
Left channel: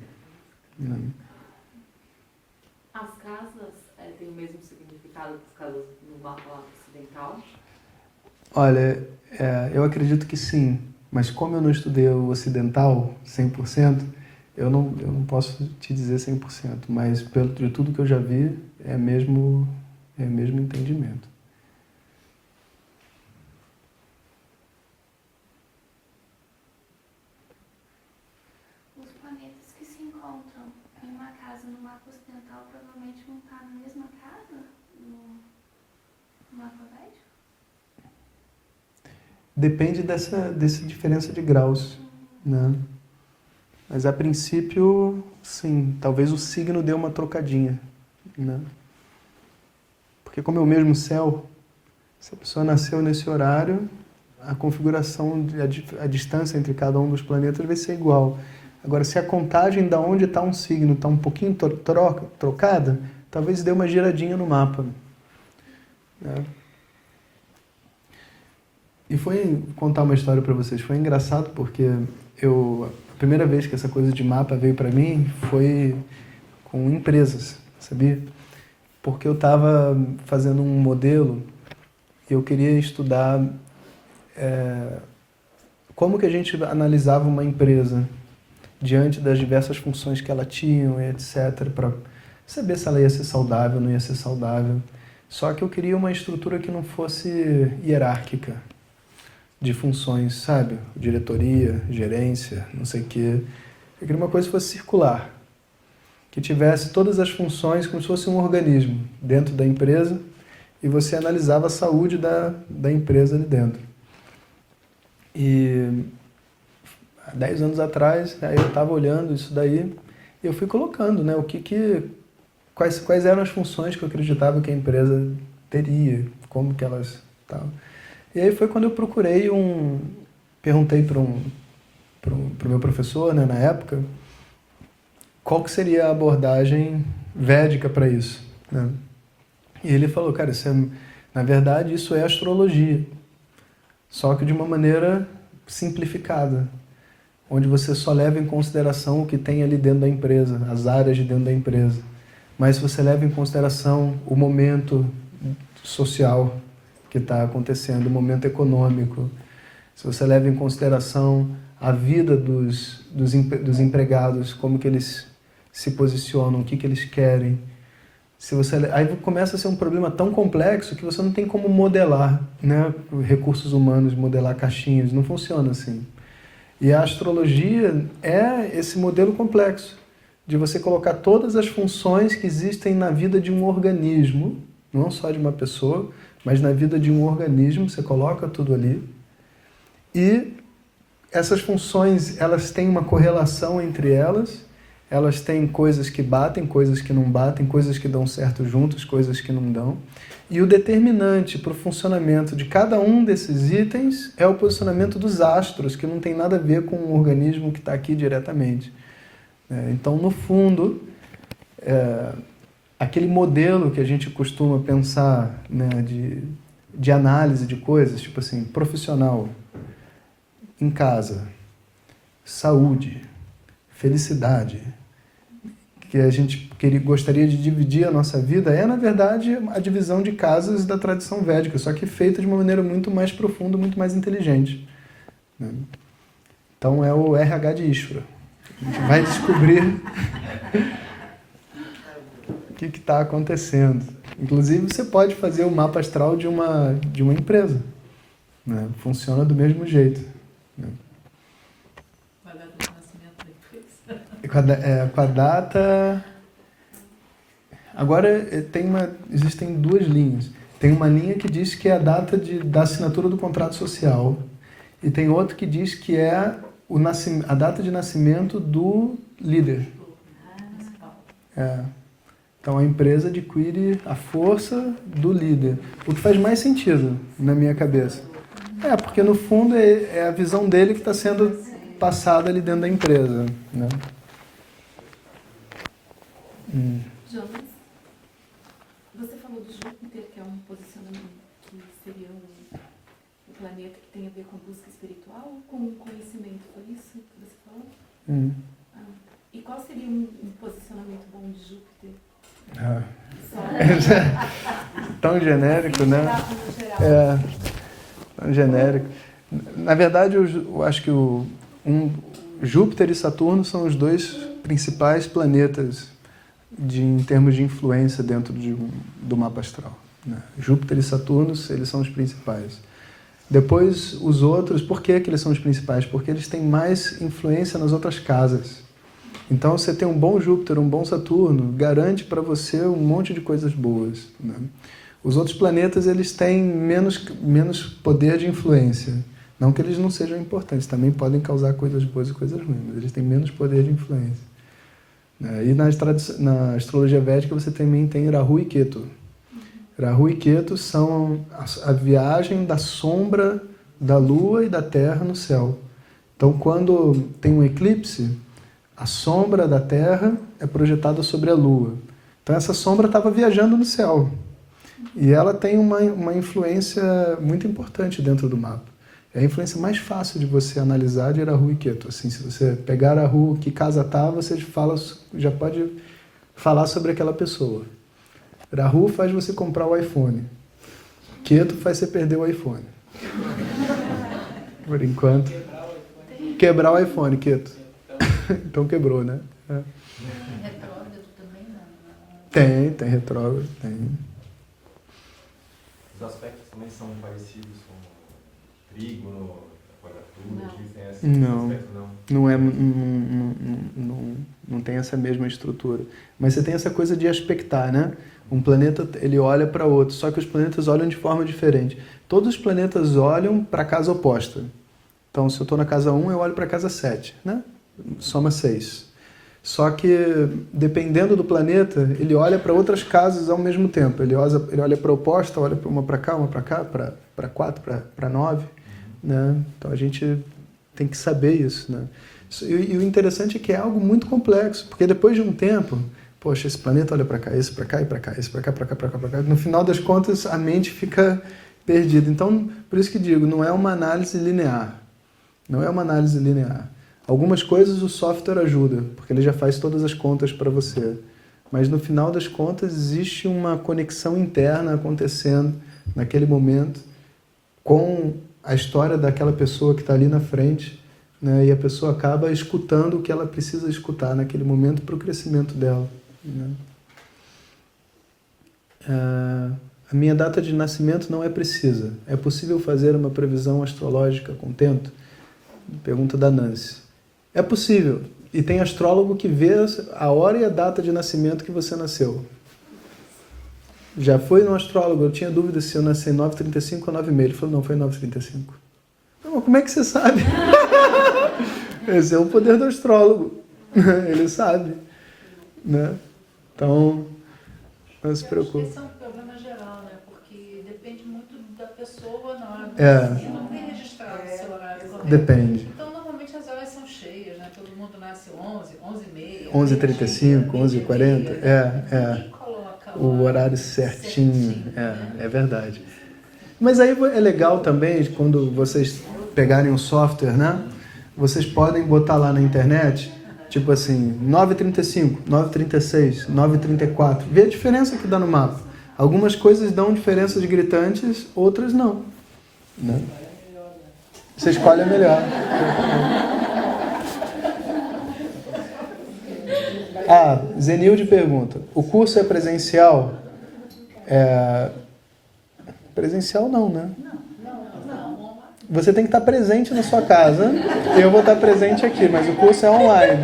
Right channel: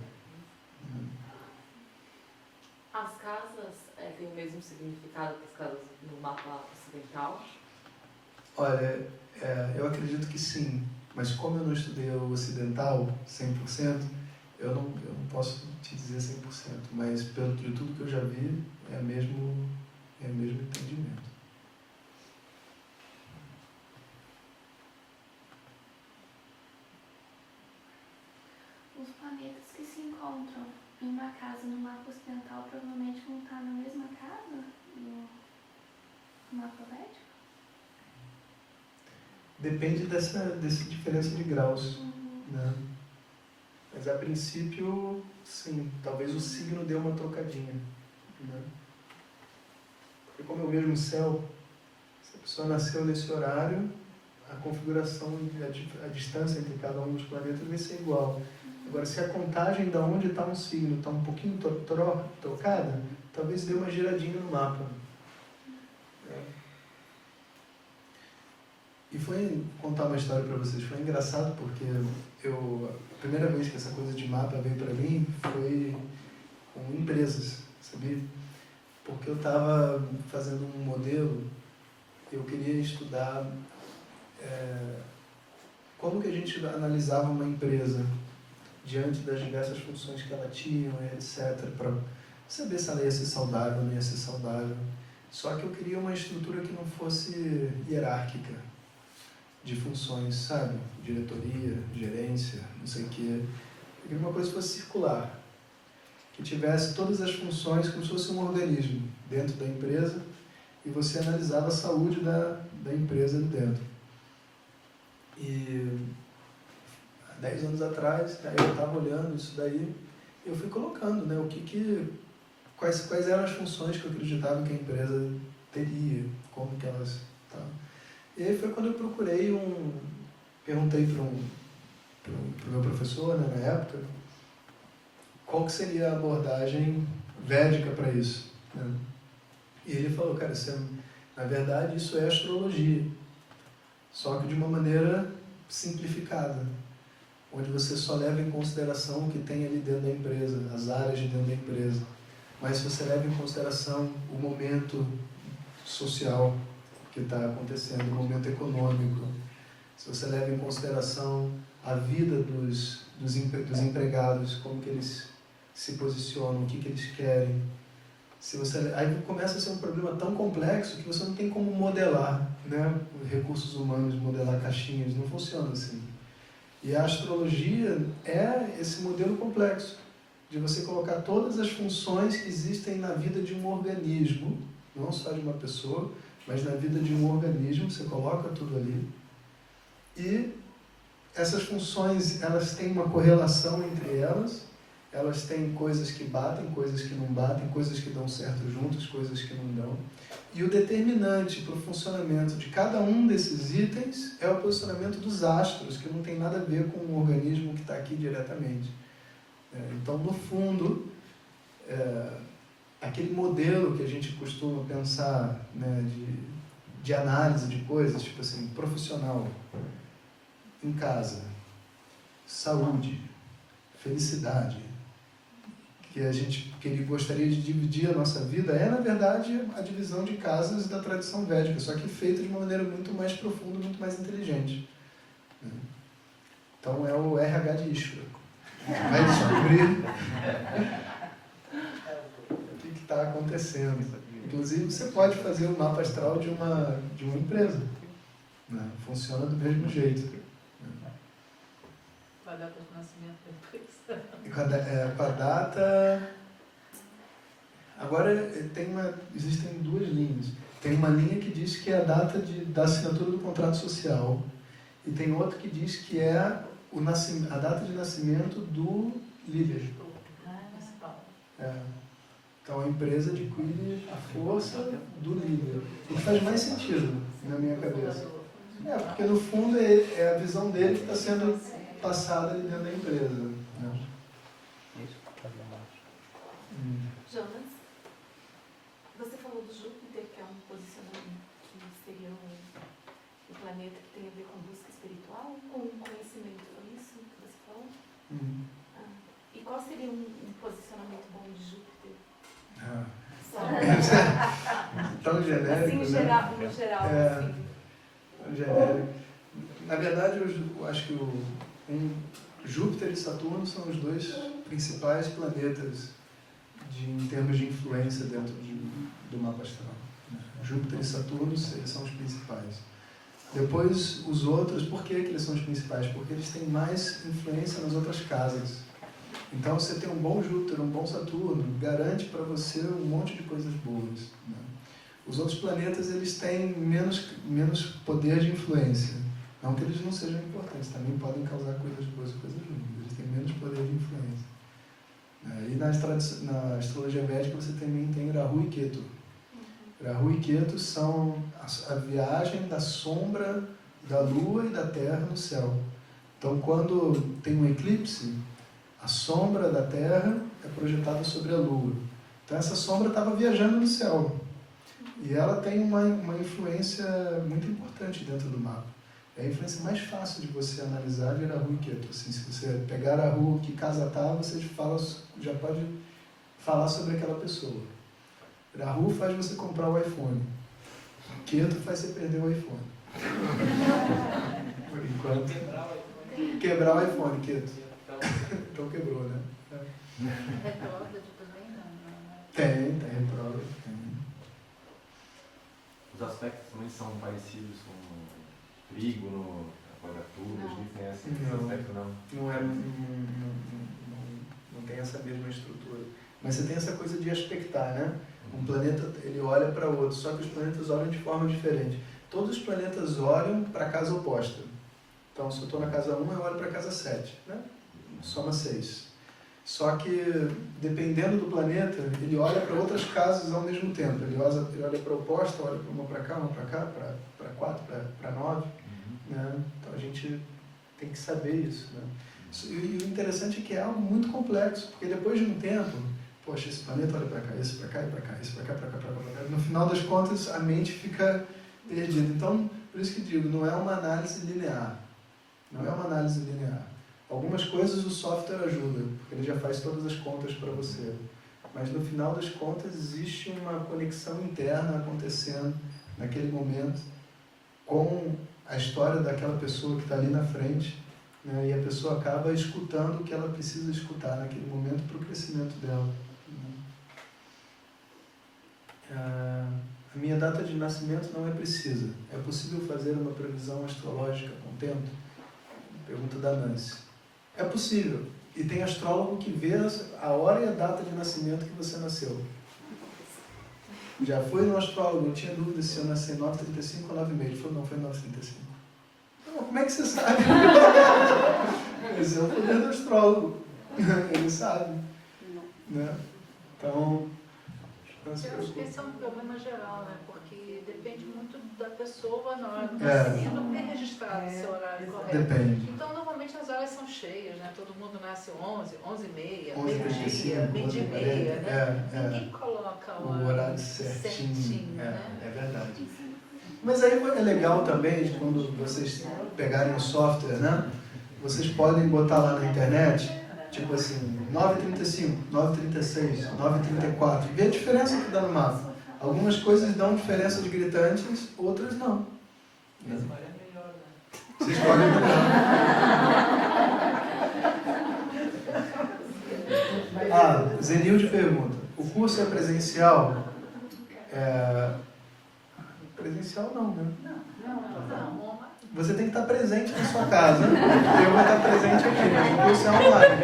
As casas têm o mesmo significado que as casas no mapa ocidental? Olha, eu acredito que sim, mas como eu não estudei o ocidental 100%, eu não posso te dizer 100%, mas de tudo que eu já vi, é mesmo entendimento. Os planetas que se encontram em uma casa no mapa ocidental provavelmente vão estar na mesma casa no mapa védico? Depende dessa diferença de graus, né? Mas a princípio, sim, talvez o signo dê uma trocadinha, né? Porque como é o mesmo céu, se a pessoa nasceu nesse horário, a configuração, a distância entre cada um dos planetas vai ser igual. Agora, se a contagem de onde está um signo está um pouquinho trocada, talvez dê uma giradinha no mapa, né? E foi contar uma história para vocês. Foi engraçado porque a primeira vez que essa coisa de mapa veio para mim foi com empresas, sabia? Porque eu estava fazendo um modelo e eu queria estudar como que a gente analisava uma empresa diante das diversas funções que ela tinha, etc., para saber se ela ia ser saudável ou não ia ser saudável. Só que eu queria uma estrutura que não fosse hierárquica, de funções, sabe? Diretoria, gerência, não sei o quê. Eu queria uma coisa que fosse circular. que tivesse todas as funções como se fosse um organismo dentro da empresa e você analisava a saúde da empresa ali dentro. E há 10 anos atrás, aí eu estava olhando isso daí e eu fui colocando, né, quais eram as funções que eu acreditava que a empresa teria, como que elas estavam. E aí foi quando eu perguntei para o meu professor, né, na época, qual que seria a abordagem védica para isso, né? E ele falou, cara, na verdade isso é astrologia, só que de uma maneira simplificada, onde você só leva em consideração o que tem ali dentro da empresa, as áreas de dentro da empresa. Mas se você leva em consideração o momento social que está acontecendo, o momento econômico, se você leva em consideração a vida dos empregados, como que eles se posicionam, o que eles querem, aí começa a ser um problema tão complexo que você não tem como modelar, né, recursos humanos, modelar caixinhas, não funciona assim. E a astrologia é esse modelo complexo, de você colocar todas as funções que existem na vida de um organismo, não só de uma pessoa, mas na vida de um organismo, você coloca tudo ali. E essas funções, elas têm uma correlação entre elas têm coisas que batem, coisas que não batem, coisas que dão certo juntos, coisas que não dão. E o determinante para o funcionamento de cada um desses itens é o posicionamento dos astros, que não tem nada a ver com o organismo que está aqui diretamente. Então, no fundo, aquele modelo que a gente costuma pensar, né, de análise de coisas, tipo assim, profissional, em casa, saúde, felicidade, que a gente gostaria de dividir a nossa vida, na verdade, a divisão de casas da tradição védica, só que feita de uma maneira muito mais profunda, muito mais inteligente, né? Então é o RH de Ishvara. A gente vai descobrir o que está acontecendo. Inclusive, você pode fazer o mapa astral de uma empresa, né? Funciona do mesmo jeito, né? Com a data de nascimento depois. Com a data... Agora, existem duas linhas. Tem uma linha que diz que é a data da assinatura do contrato social. E tem outra que diz que é a data de nascimento do líder. Então, a empresa adquire a força do líder. O que faz mais sentido na minha cabeça. Porque no fundo é a visão dele que está sendo passada ali dentro da empresa, né? Jonas, você falou do Júpiter, que é um posicionamento que seria o planeta que tem a ver com busca espiritual ou com conhecimento? Foi isso que você falou? E qual seria um posicionamento bom de Júpiter? Tão genérico, assim, né? No geral. Tão genérico. Na verdade, eu acho que Júpiter e Saturno são os dois principais planetas em termos de influência dentro do mapa astral, né? Júpiter e Saturno, eles são os principais. Depois, os outros, por que eles são os principais? Porque eles têm mais influência nas outras casas. Então, você ter um bom Júpiter, um bom Saturno, garante para você um monte de coisas boas, né? Os outros planetas, eles têm menos poder de influência. Não que eles não sejam importantes, também podem causar coisas boas e coisas ruins, mas eles têm menos poder de influência. E na astrologia védica você também tem Rahu e Ketu. Rahu e Ketu são a viagem da sombra da Lua e da Terra no céu. Então, quando tem um eclipse, a sombra da Terra é projetada sobre a Lua. Então, essa sombra estava viajando no céu. E ela tem uma influência muito importante dentro do mapa. É a influência mais fácil de você analisar de Rahu e Ketu. Assim, se você pegar Rahu, que casa está, você já pode falar sobre aquela pessoa. Rahu faz você comprar o iPhone. Ketu faz você perder o iPhone. Por enquanto. Quebrar o iPhone, Ketu. Então quebrou, né? Retrógrado também não? Tem retrógrado, tem. Os aspectos também são parecidos com trígono, quadratura, existem esses Não. aspectos, não? Não é. não tem essa mesma estrutura. Mas você tem essa coisa de aspectar, né? Um planeta, ele olha para outro, só que os planetas olham de forma diferente. Todos os planetas olham para a casa oposta. Então, se eu estou na casa 1, eu olho para a casa 7, né? Soma 6. Só que, dependendo do planeta, ele olha para outras casas ao mesmo tempo. Ele olha para a oposta, olha para uma para cá, para 4, para 9. Né? Então, a gente tem que saber isso. Né? E o interessante é que é algo muito complexo, porque depois de um tempo, poxa, esse planeta olha para cá, esse para cá e para cá, esse para cá, para cá, para cá, para cá. No final das contas, a mente fica perdida. Então, por isso que digo, não é uma análise linear. Não é uma análise linear. Algumas coisas o software ajuda, porque ele já faz todas as contas para você. Mas no final das contas existe uma conexão interna acontecendo naquele momento com a história daquela pessoa que está ali na frente, né? E a pessoa acaba escutando o que ela precisa escutar naquele momento para o crescimento dela. Né? A minha data de nascimento não é precisa. É possível fazer uma previsão astrológica com tempo? Pergunta da Nancy. É possível. E tem astrólogo que vê a hora e a data de nascimento que você nasceu. Já foi no astrólogo, eu tinha dúvida se eu nasci em 9h35 ou 9h30. Ele falou, não, foi 9h35. Então, como é que você sabe? Esse é o poder do astrólogo. Ele sabe. Né? Então, não se preocupe. Esse é um problema geral, né? Porque depende muito da pessoa na hora do É. nascimento. Não tem registrado esse horário correto. Depende. Então, normalmente as horas são cheias, né? Todo mundo nasce 11, 11h30. 11h35, 11h40. Ninguém coloca O horário certinho. É verdade. Mas aí é legal também, quando vocês pegarem um software, né? Vocês podem botar lá na internet, tipo assim, 9h35, 9h36, 9h34. Vê a diferença que dá no mapa. Algumas coisas dão diferenças gritantes, outras não. Né? Você escolhe a melhor. Zenilde pergunta, o curso é presencial? Presencial não, né? Você tem que estar presente na sua casa. Eu vou estar presente aqui, mas o curso é online.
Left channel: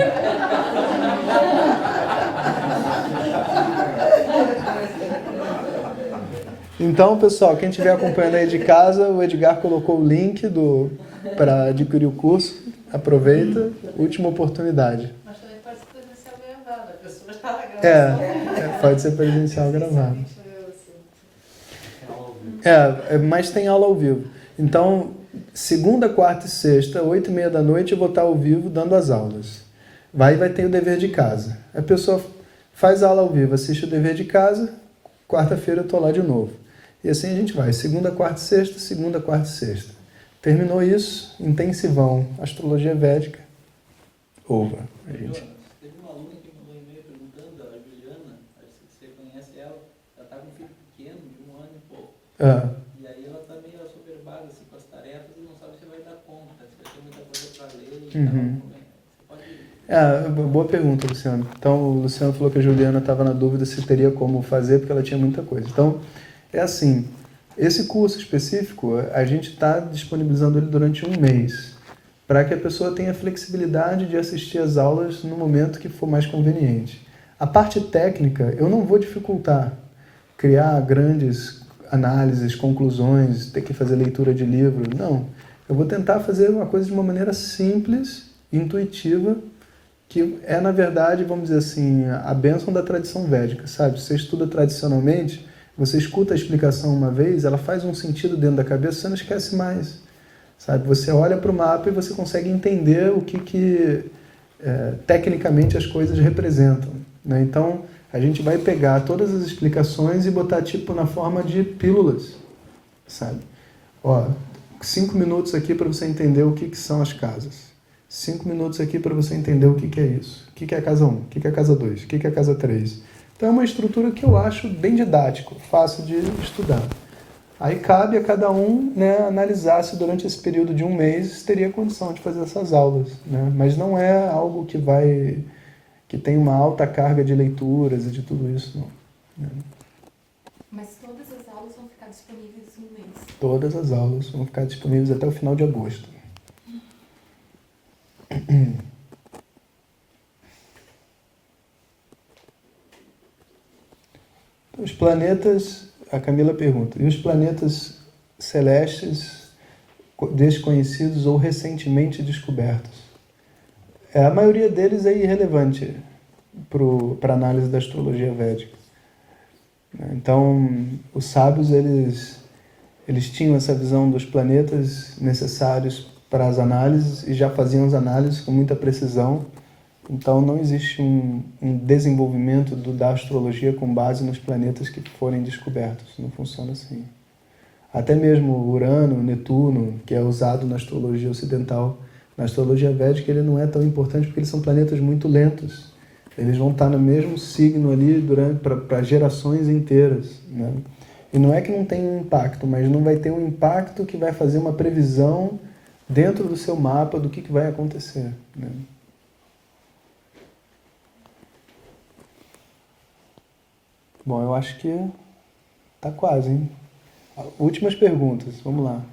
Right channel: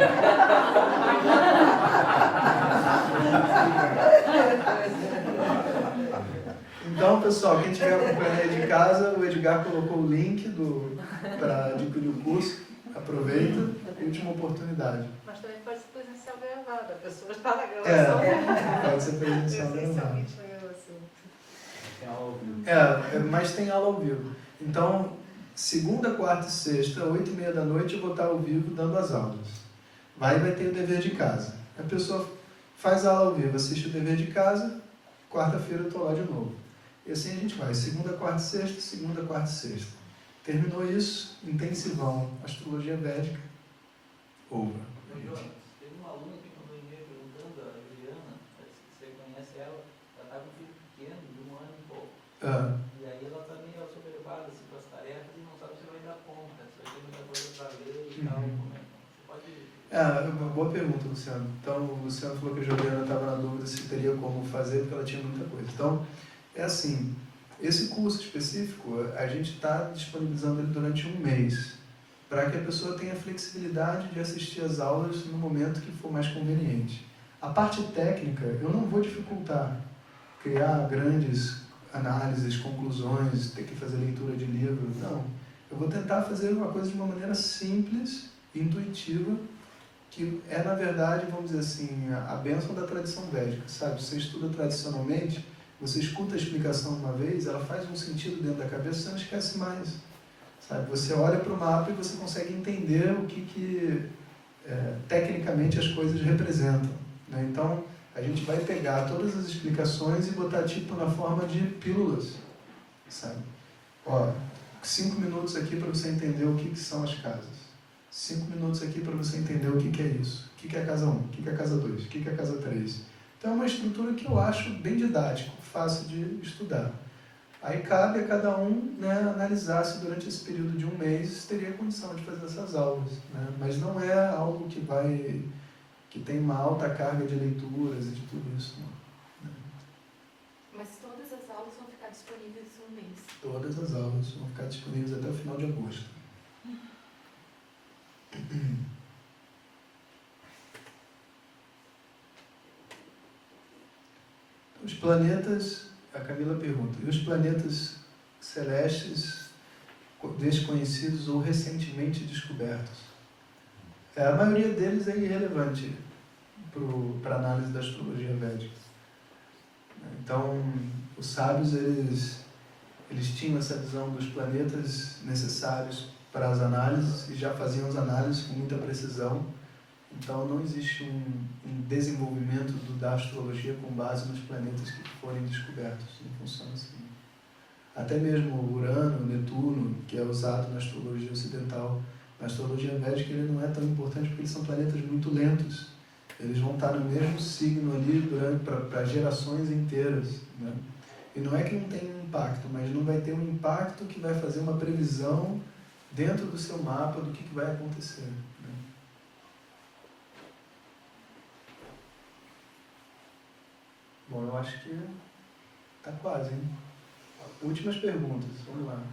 Então, pessoal, quem estiver acompanhando aí de casa, o Edgar colocou o link para adquirir o curso. Aproveita, última oportunidade. Mas também pode ser presencial gravado, a pessoa está na gravação. Pode ser presencial gravado. Mas tem aula ao vivo. Então, segunda, quarta e sexta, 8h30 da noite, eu vou estar ao vivo dando as aulas. Vai ter o dever de casa. A pessoa faz a aula ao vivo, assiste o dever de casa, quarta-feira eu estou lá de novo. E assim a gente vai, segunda, quarta e sexta, segunda, quarta e sexta. Terminou isso, intensivão, astrologia védica, over. Teve uma aluna que mandou um e-mail perguntando, a Juliana, parece que você conhece ela, ela está com um filho pequeno, de 1 ano e pouco. E aí ela está meio assoberbada assim, com as tarefas e não sabe se vai dar conta, se vai ter muita coisa para ler e tal. Você pode... Boa pergunta, Luciano. Então, o Luciano falou que a Juliana estava na dúvida se teria como fazer, porque ela tinha muita coisa. Então, é assim, esse curso específico, a gente está disponibilizando ele durante 1 mês, para que a pessoa tenha flexibilidade de assistir as aulas no momento que for mais conveniente. A parte técnica, eu não vou dificultar, criar grandes análises, conclusões, ter que fazer leitura de livro, não. Eu vou tentar fazer uma coisa de uma maneira simples, intuitiva, que é, na verdade, vamos dizer assim, a bênção da tradição védica, sabe? Você estuda tradicionalmente, você escuta a explicação uma vez, ela faz um sentido dentro da cabeça, você não esquece mais, sabe? Você olha para o mapa e você consegue entender o que tecnicamente as coisas representam, né? Então, a gente vai pegar todas as explicações e botar tipo na forma de pílulas, sabe? 5 minutos aqui para você entender o que são as casas. 5 minutos aqui para você entender o que é isso. O que é a casa 1, o que é a casa 2, o que é a casa 3. Então é uma estrutura que eu acho bem didático, fácil de estudar. Aí cabe a cada um, né, analisar se durante esse período de 1 mês teria condição de fazer essas aulas, né? Mas não é algo que tem uma alta carga de leituras e de tudo isso, não. Né? Mas todas as aulas vão ficar disponíveis 1 mês? Todas as aulas vão ficar disponíveis até o final de agosto. Os planetas, a Camila pergunta, e os planetas celestes desconhecidos ou recentemente descobertos? A maioria deles é irrelevante para a análise da astrologia védica. Então, os sábios, eles tinham essa visão dos planetas necessários para as análises e já faziam as análises com muita precisão. Então, não existe um desenvolvimento da astrologia com base nos planetas que forem descobertos. Não funciona assim. Até mesmo Urano, Netuno, que é usado na astrologia ocidental, na astrologia védica ele não é tão importante porque eles são planetas muito lentos. Eles vão estar no mesmo signo ali para gerações inteiras, né? E não é que não tem um impacto, mas não vai ter um impacto que vai fazer uma previsão dentro do seu mapa do que vai acontecer, né? Bom, eu acho que tá quase, hein? Últimas perguntas, vamos lá.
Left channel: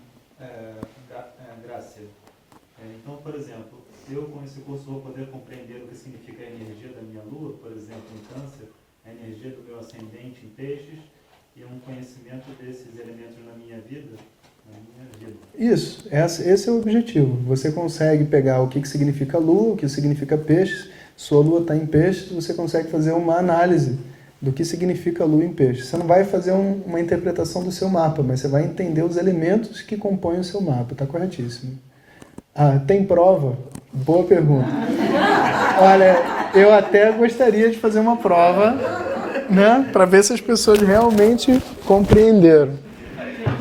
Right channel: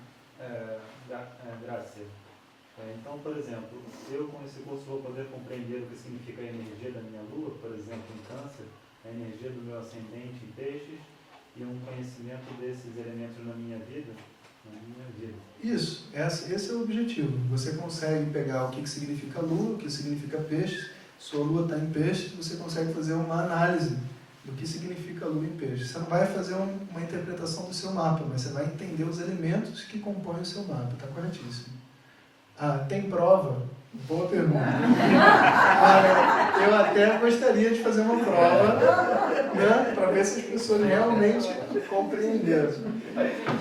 Graça. Então, por exemplo, eu com esse curso vou poder compreender o que significa a energia da minha lua, por exemplo, em Câncer, a energia do meu ascendente em Peixes e um conhecimento desses elementos na minha vida. Isso, esse é o objetivo. Você consegue pegar o que significa lua, o que significa peixes, sua lua está em peixes, você consegue fazer uma análise do que significa a lua em peixe. Você não vai fazer uma interpretação do seu mapa, mas você vai entender os elementos que compõem o seu mapa. Está corretíssimo. Tem prova? Boa pergunta. Olha, eu até gostaria de fazer uma prova, né, para ver se as pessoas realmente compreenderam.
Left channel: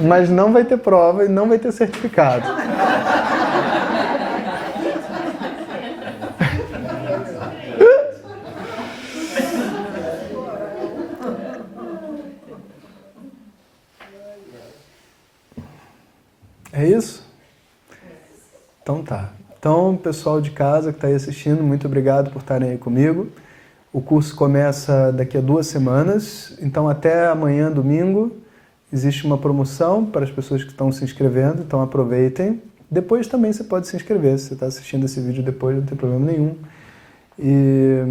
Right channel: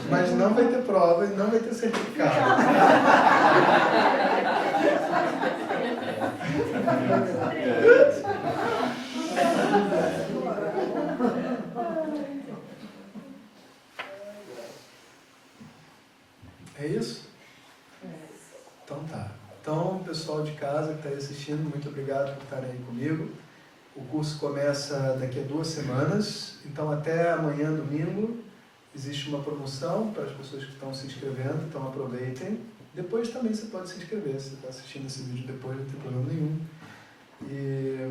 Mas não vai ter prova e não vai ter certificado. É isso? Então tá. Então, pessoal de casa que está aí assistindo, muito obrigado por estarem aí comigo. O curso começa daqui a 2 semanas, então até amanhã, domingo, existe uma promoção para as pessoas que estão se inscrevendo, então aproveitem. Depois também você pode se inscrever, se você está assistindo esse vídeo depois, não tem problema nenhum. E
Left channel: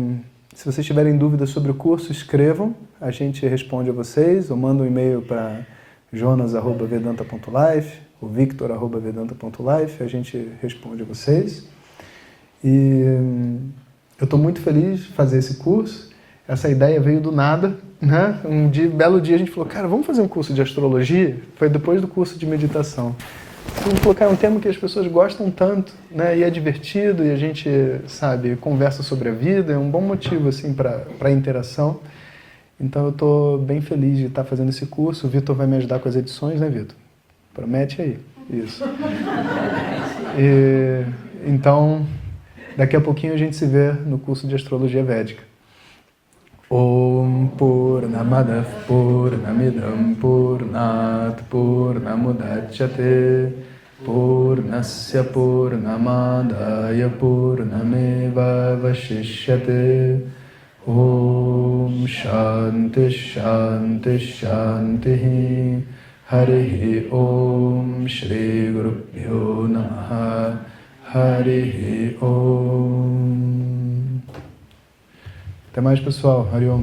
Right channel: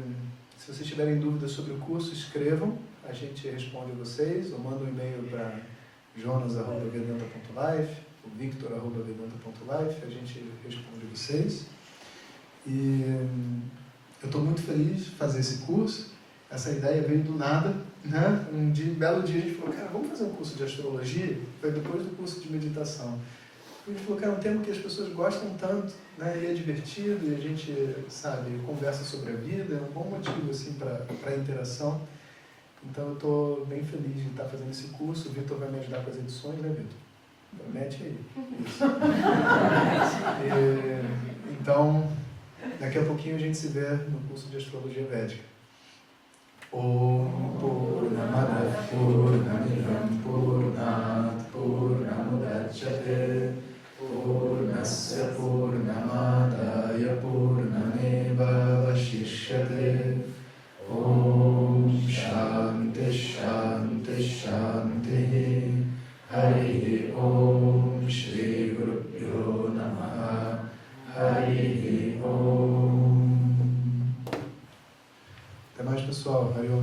se vocês tiverem dúvidas sobre o curso, escrevam, a gente responde a vocês, ou manda um e-mail para jonas@vedanta.life, o victor@vedanta.life, a gente responde a vocês. E eu estou muito feliz de fazer esse curso. Essa ideia veio do nada, né? Belo dia a gente falou, cara, vamos fazer um curso de astrologia? Foi depois do curso de meditação. A gente falou, cara, é um tema que as pessoas gostam tanto, né? E é divertido, e a gente, sabe, conversa sobre a vida, é um bom motivo, assim, para interação. Então eu estou bem feliz de estar fazendo esse curso. O Vitor vai me ajudar com as edições, né, Vitor? Promete aí. Isso. Então, daqui a pouquinho a gente se vê no curso de Astrologia Védica. Om Purnamada Purnamidam Purnat Purnamudachyate Purnasya Purnamadaya Purnameva Vashishyate Om Shanti Shanti Shanti Harihi Om Shri Guru Pyo Namaha Harihi Om. Até mais, pessoal. Hari Om.